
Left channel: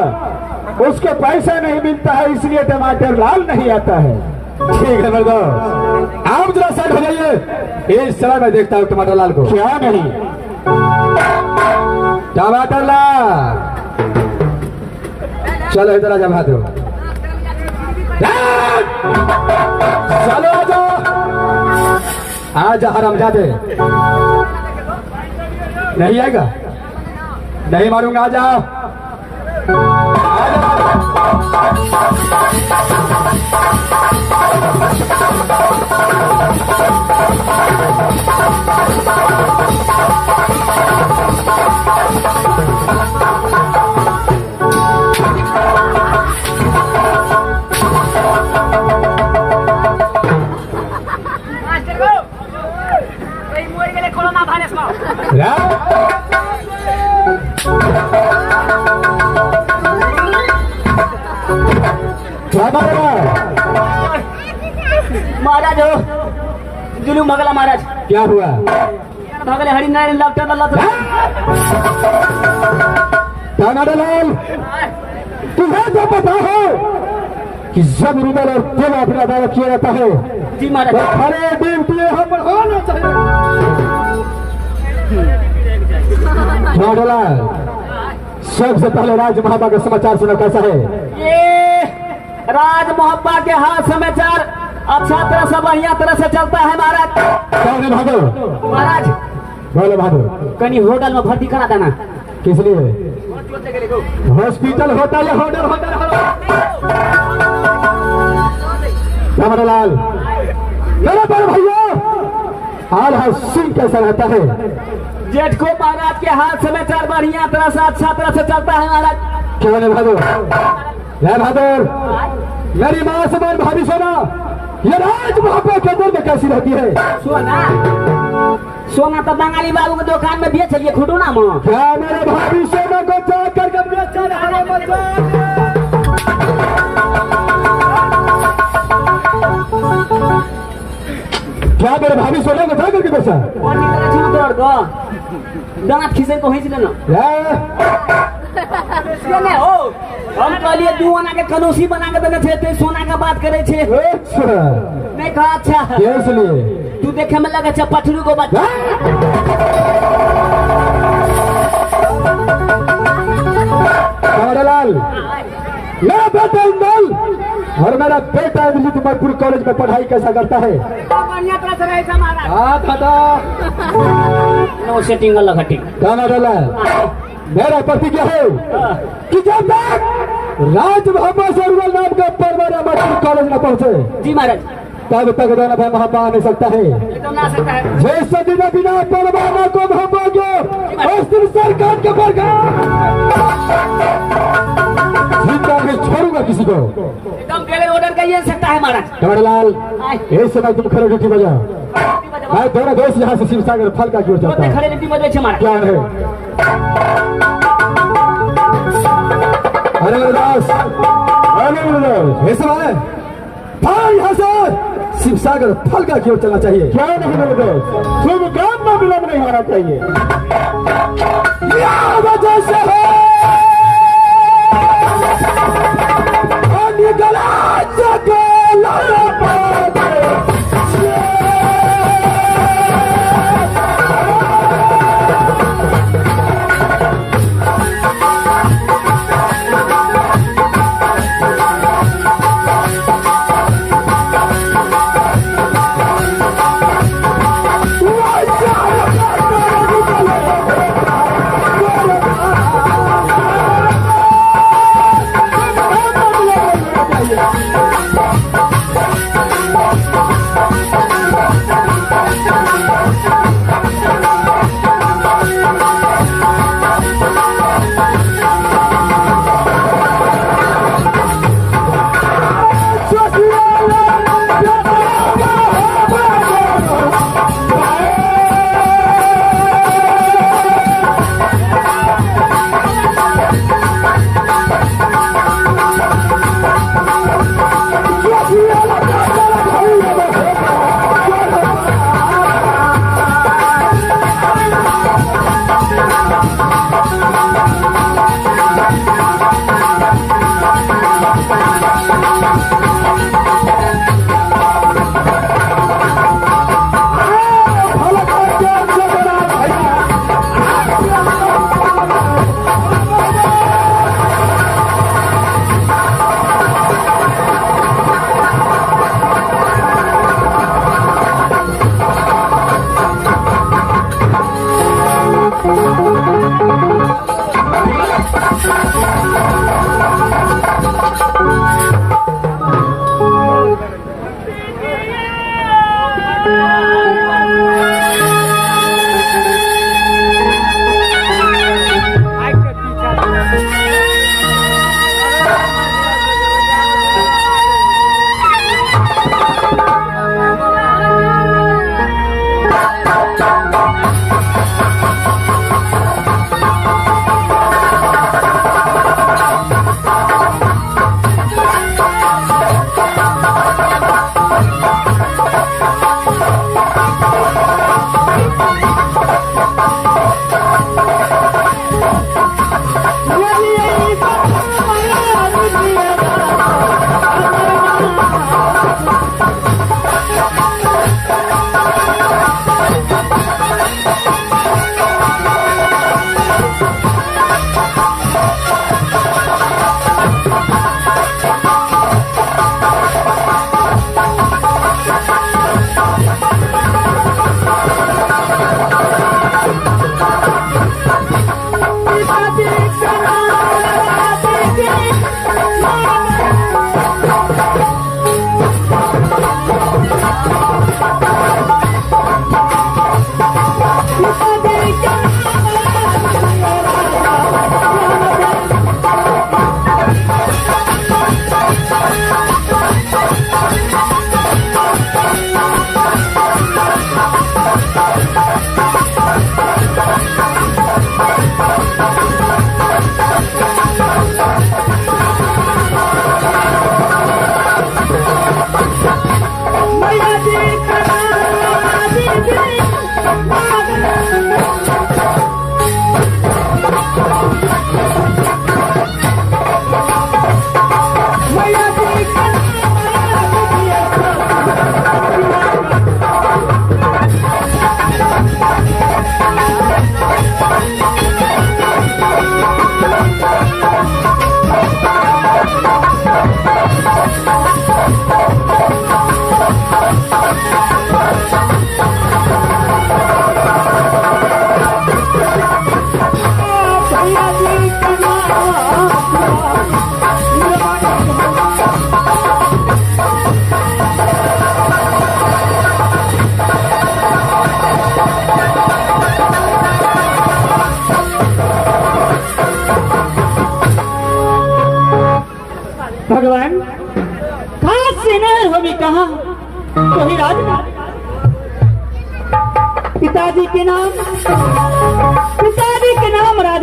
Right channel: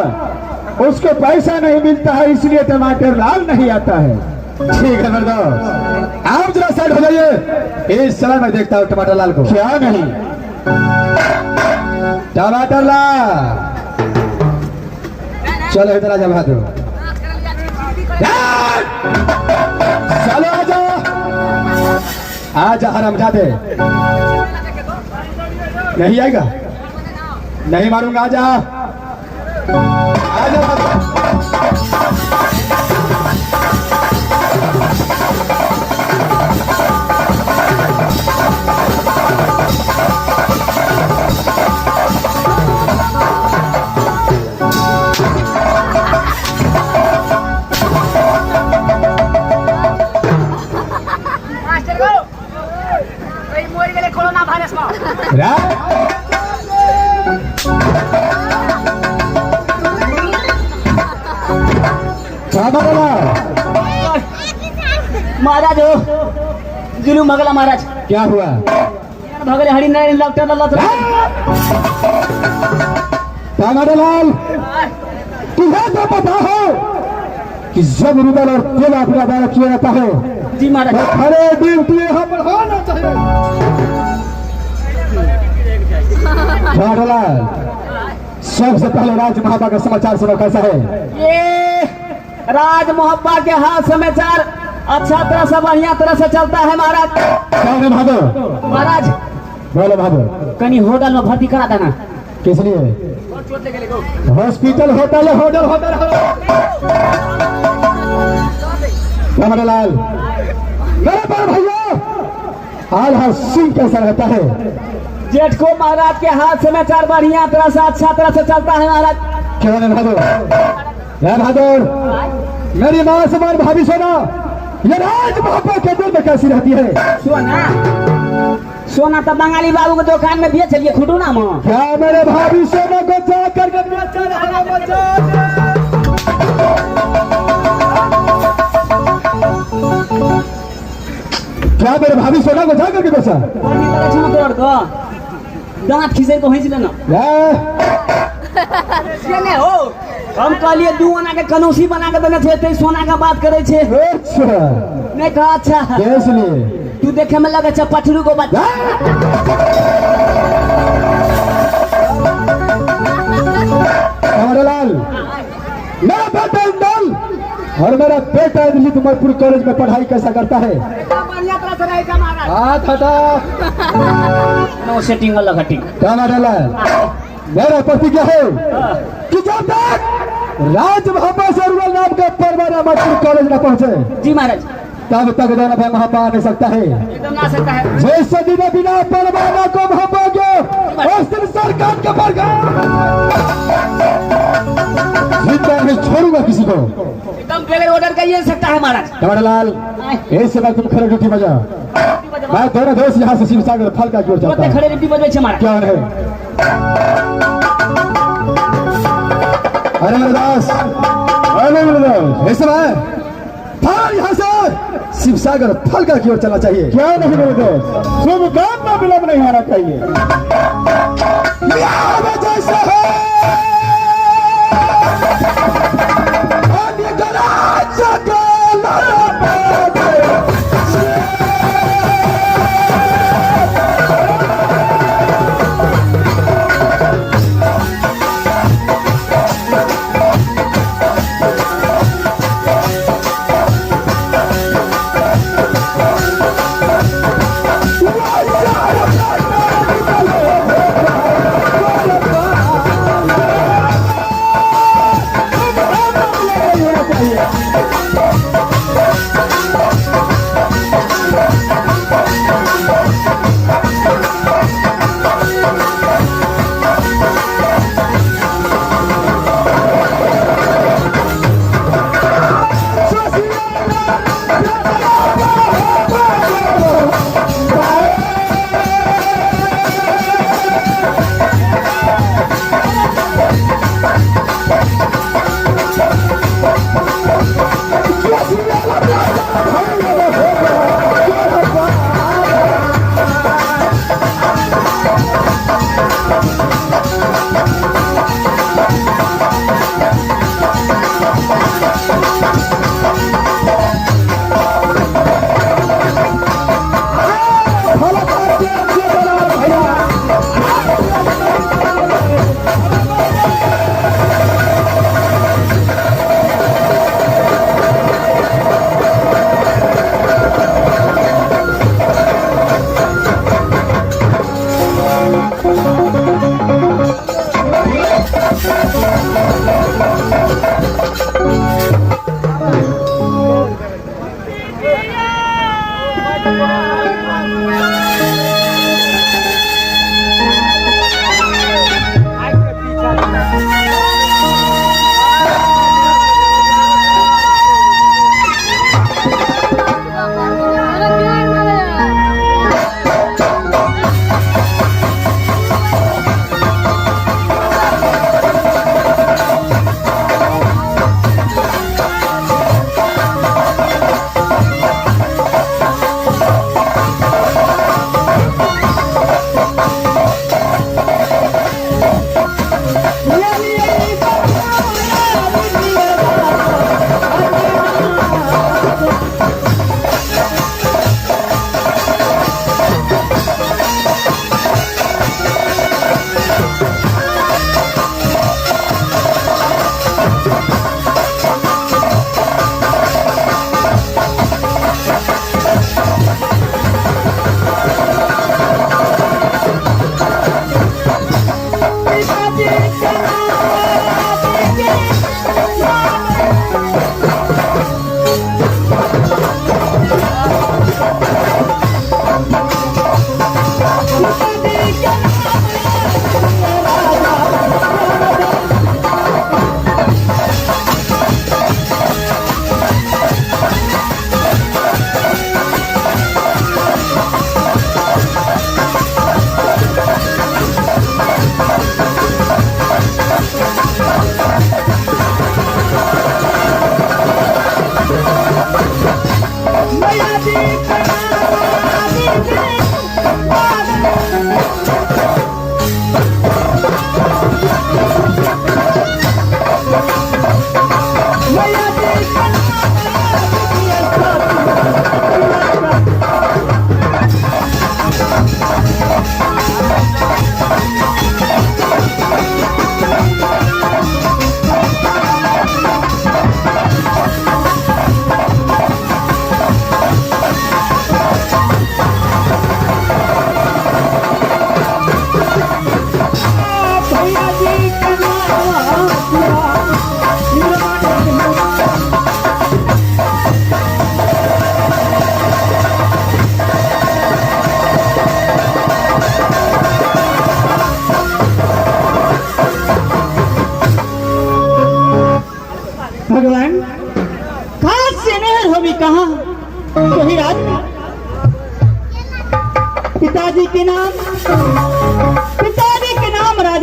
उसको पैसा नहीं मिलता है इसलिए टमाटर लाल नहीं आता है। ठीक है मर्दो आप जरा साइड हो जाइए। इस समय मैं देखता हूँ टमाटर लाल को। क्या नहीं टमाटर लाल चलो इधर आजा भाग। चलो आजा आजा हरामजादे। नहीं आएगा? नहीं मारूंगा। आजा मास्टर को कोई मोर गेले कोरोना वायरस में। महाराज हो जुलूम भगला महाराज। क्या हुआ? भगले हरिनारायण डॉक्टर टमाटर लाल तुम्हें तो पता है कि जब रुबल और तेल आप लगाया किया जाता है जी महाराज। तो खड़े दिन के यहाँ पर होना चाहिए। टमाटर लाल सबसे पहले राज महाबा का समाचार सुना कैसा है? ये राज मोहब्बा के हाथ समाचार अच्छा तरह से बढ़िया तरह से चलता है महाराज। कौन भादो? महाराज बोलो भादो। कहीं होटल में भर्ती करा देना। किस लिए? हॉस्पिटल होटल होटल होटल टमाटर लाल मेरे बड़े भैया हाल सिंह कैसा रहता है? जेठ को महाराज के हाथ समाचार बढ़िया तरह से अच्छा तरह से चलता है महाराज। क्या है बहादुर मेरी माँ समान भाभी सोना ये राज महापा के दिल में कैसी रहती है? सोना तो बंगाली बाबू के दुकान में बेच लिए खुटूना में। क्या मेरे भाभी सोना को जा करके बेचा है? क्या मेरे भाभी सोना को जा करके बेचा? दांत खींचे तो हिंच लेना। नहीं हो हम कहलिए 2 आना के कनौसी बना के देने थे तो सोना का बात करे छे। अच्छा मैं कहा अच्छा इसलिए तू देखे में लगा अच्छा पठरू को बात। लाल मैं बतंगल और मेरा बेटा लितमपुर कॉलेज में पढ़ाई कैसा करता है? एकदम बढ़िया तरह से रहेगा महाराज। हाथ हटा। नो सेटिंग वाला घटिंग। क्या मॉडल है? मेरा प्रतिज्ञा है कि जब तक राजभाषा सर्वल नाम का परवाना मटपुर कॉलेज में पहुंचे जी महाराज, तब तक दोनों भाई वहां आ नहीं सकता है। एकदम ना सकता है। जैसे दिन बिना परवाना को वहां पाओगे उस दिन सरकार का जिंदा नहीं छोड़ूंगा किसी को। एकदम बगैर ऑर्डर का ही सकता है महाराज। कमरलाल ये समय तुम खड़े रोटी बजा। मैं दोनों दोस्त यहाँ से शिवसागर फल का जोड़ जाता मत हूँ। खड़े रीति में देखे महाराज। क्या है? अरे गुरुदास, अरे गुरुदास, ये समय फल यहाँ से शिवसागर फल का की ओर चलना चाहिए। क्या नहीं मेरे दोस्त, शुभ काम में विलंब नहीं होना चाहिए। यह वजह से है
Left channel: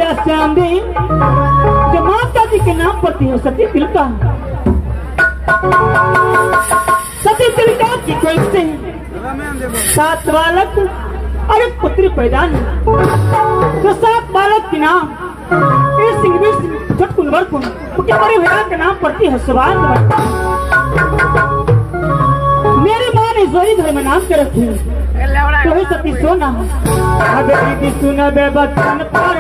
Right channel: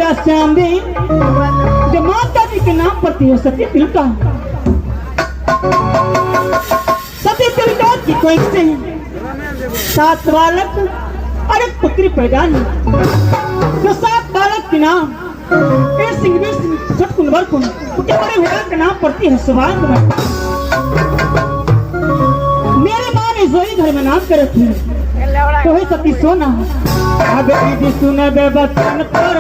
राजा श्यामदेव जो माता जी के नाम पर थी वो सती तिलका सती तिलका की कोई से 7 बालक और एक पुत्री पैदा हुई जो 7 बालक के नाम एक सिंह छठकुंभर कुंड उसके बड़े भैया के नाम पड़ती है सुभाष। मेरी माँ ने जोई घर में नाम कर रखी तो वही सती सोना अगर दीदी सुने बे बचन पर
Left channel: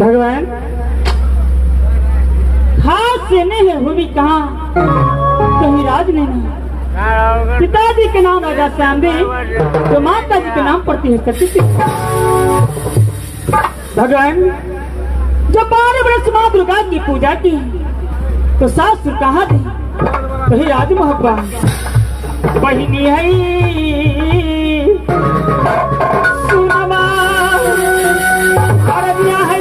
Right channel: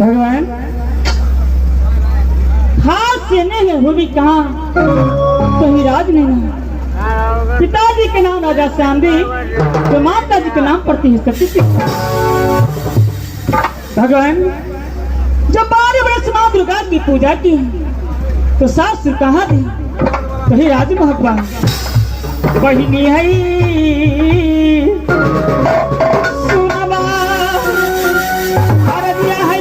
भगवान हाथ से नहीं है भूमि कहाँ तो राज नहीं। पिताजी के नाम राजा श्यामदेव जो माता जी के नाम पड़ती है सती। भगवान जब 12 वर्ष माँ दुर्गा की पूजा की तो सास कहाँ थी तो ही राज मोहब्बा बहिनी है सुनवा अरबिया है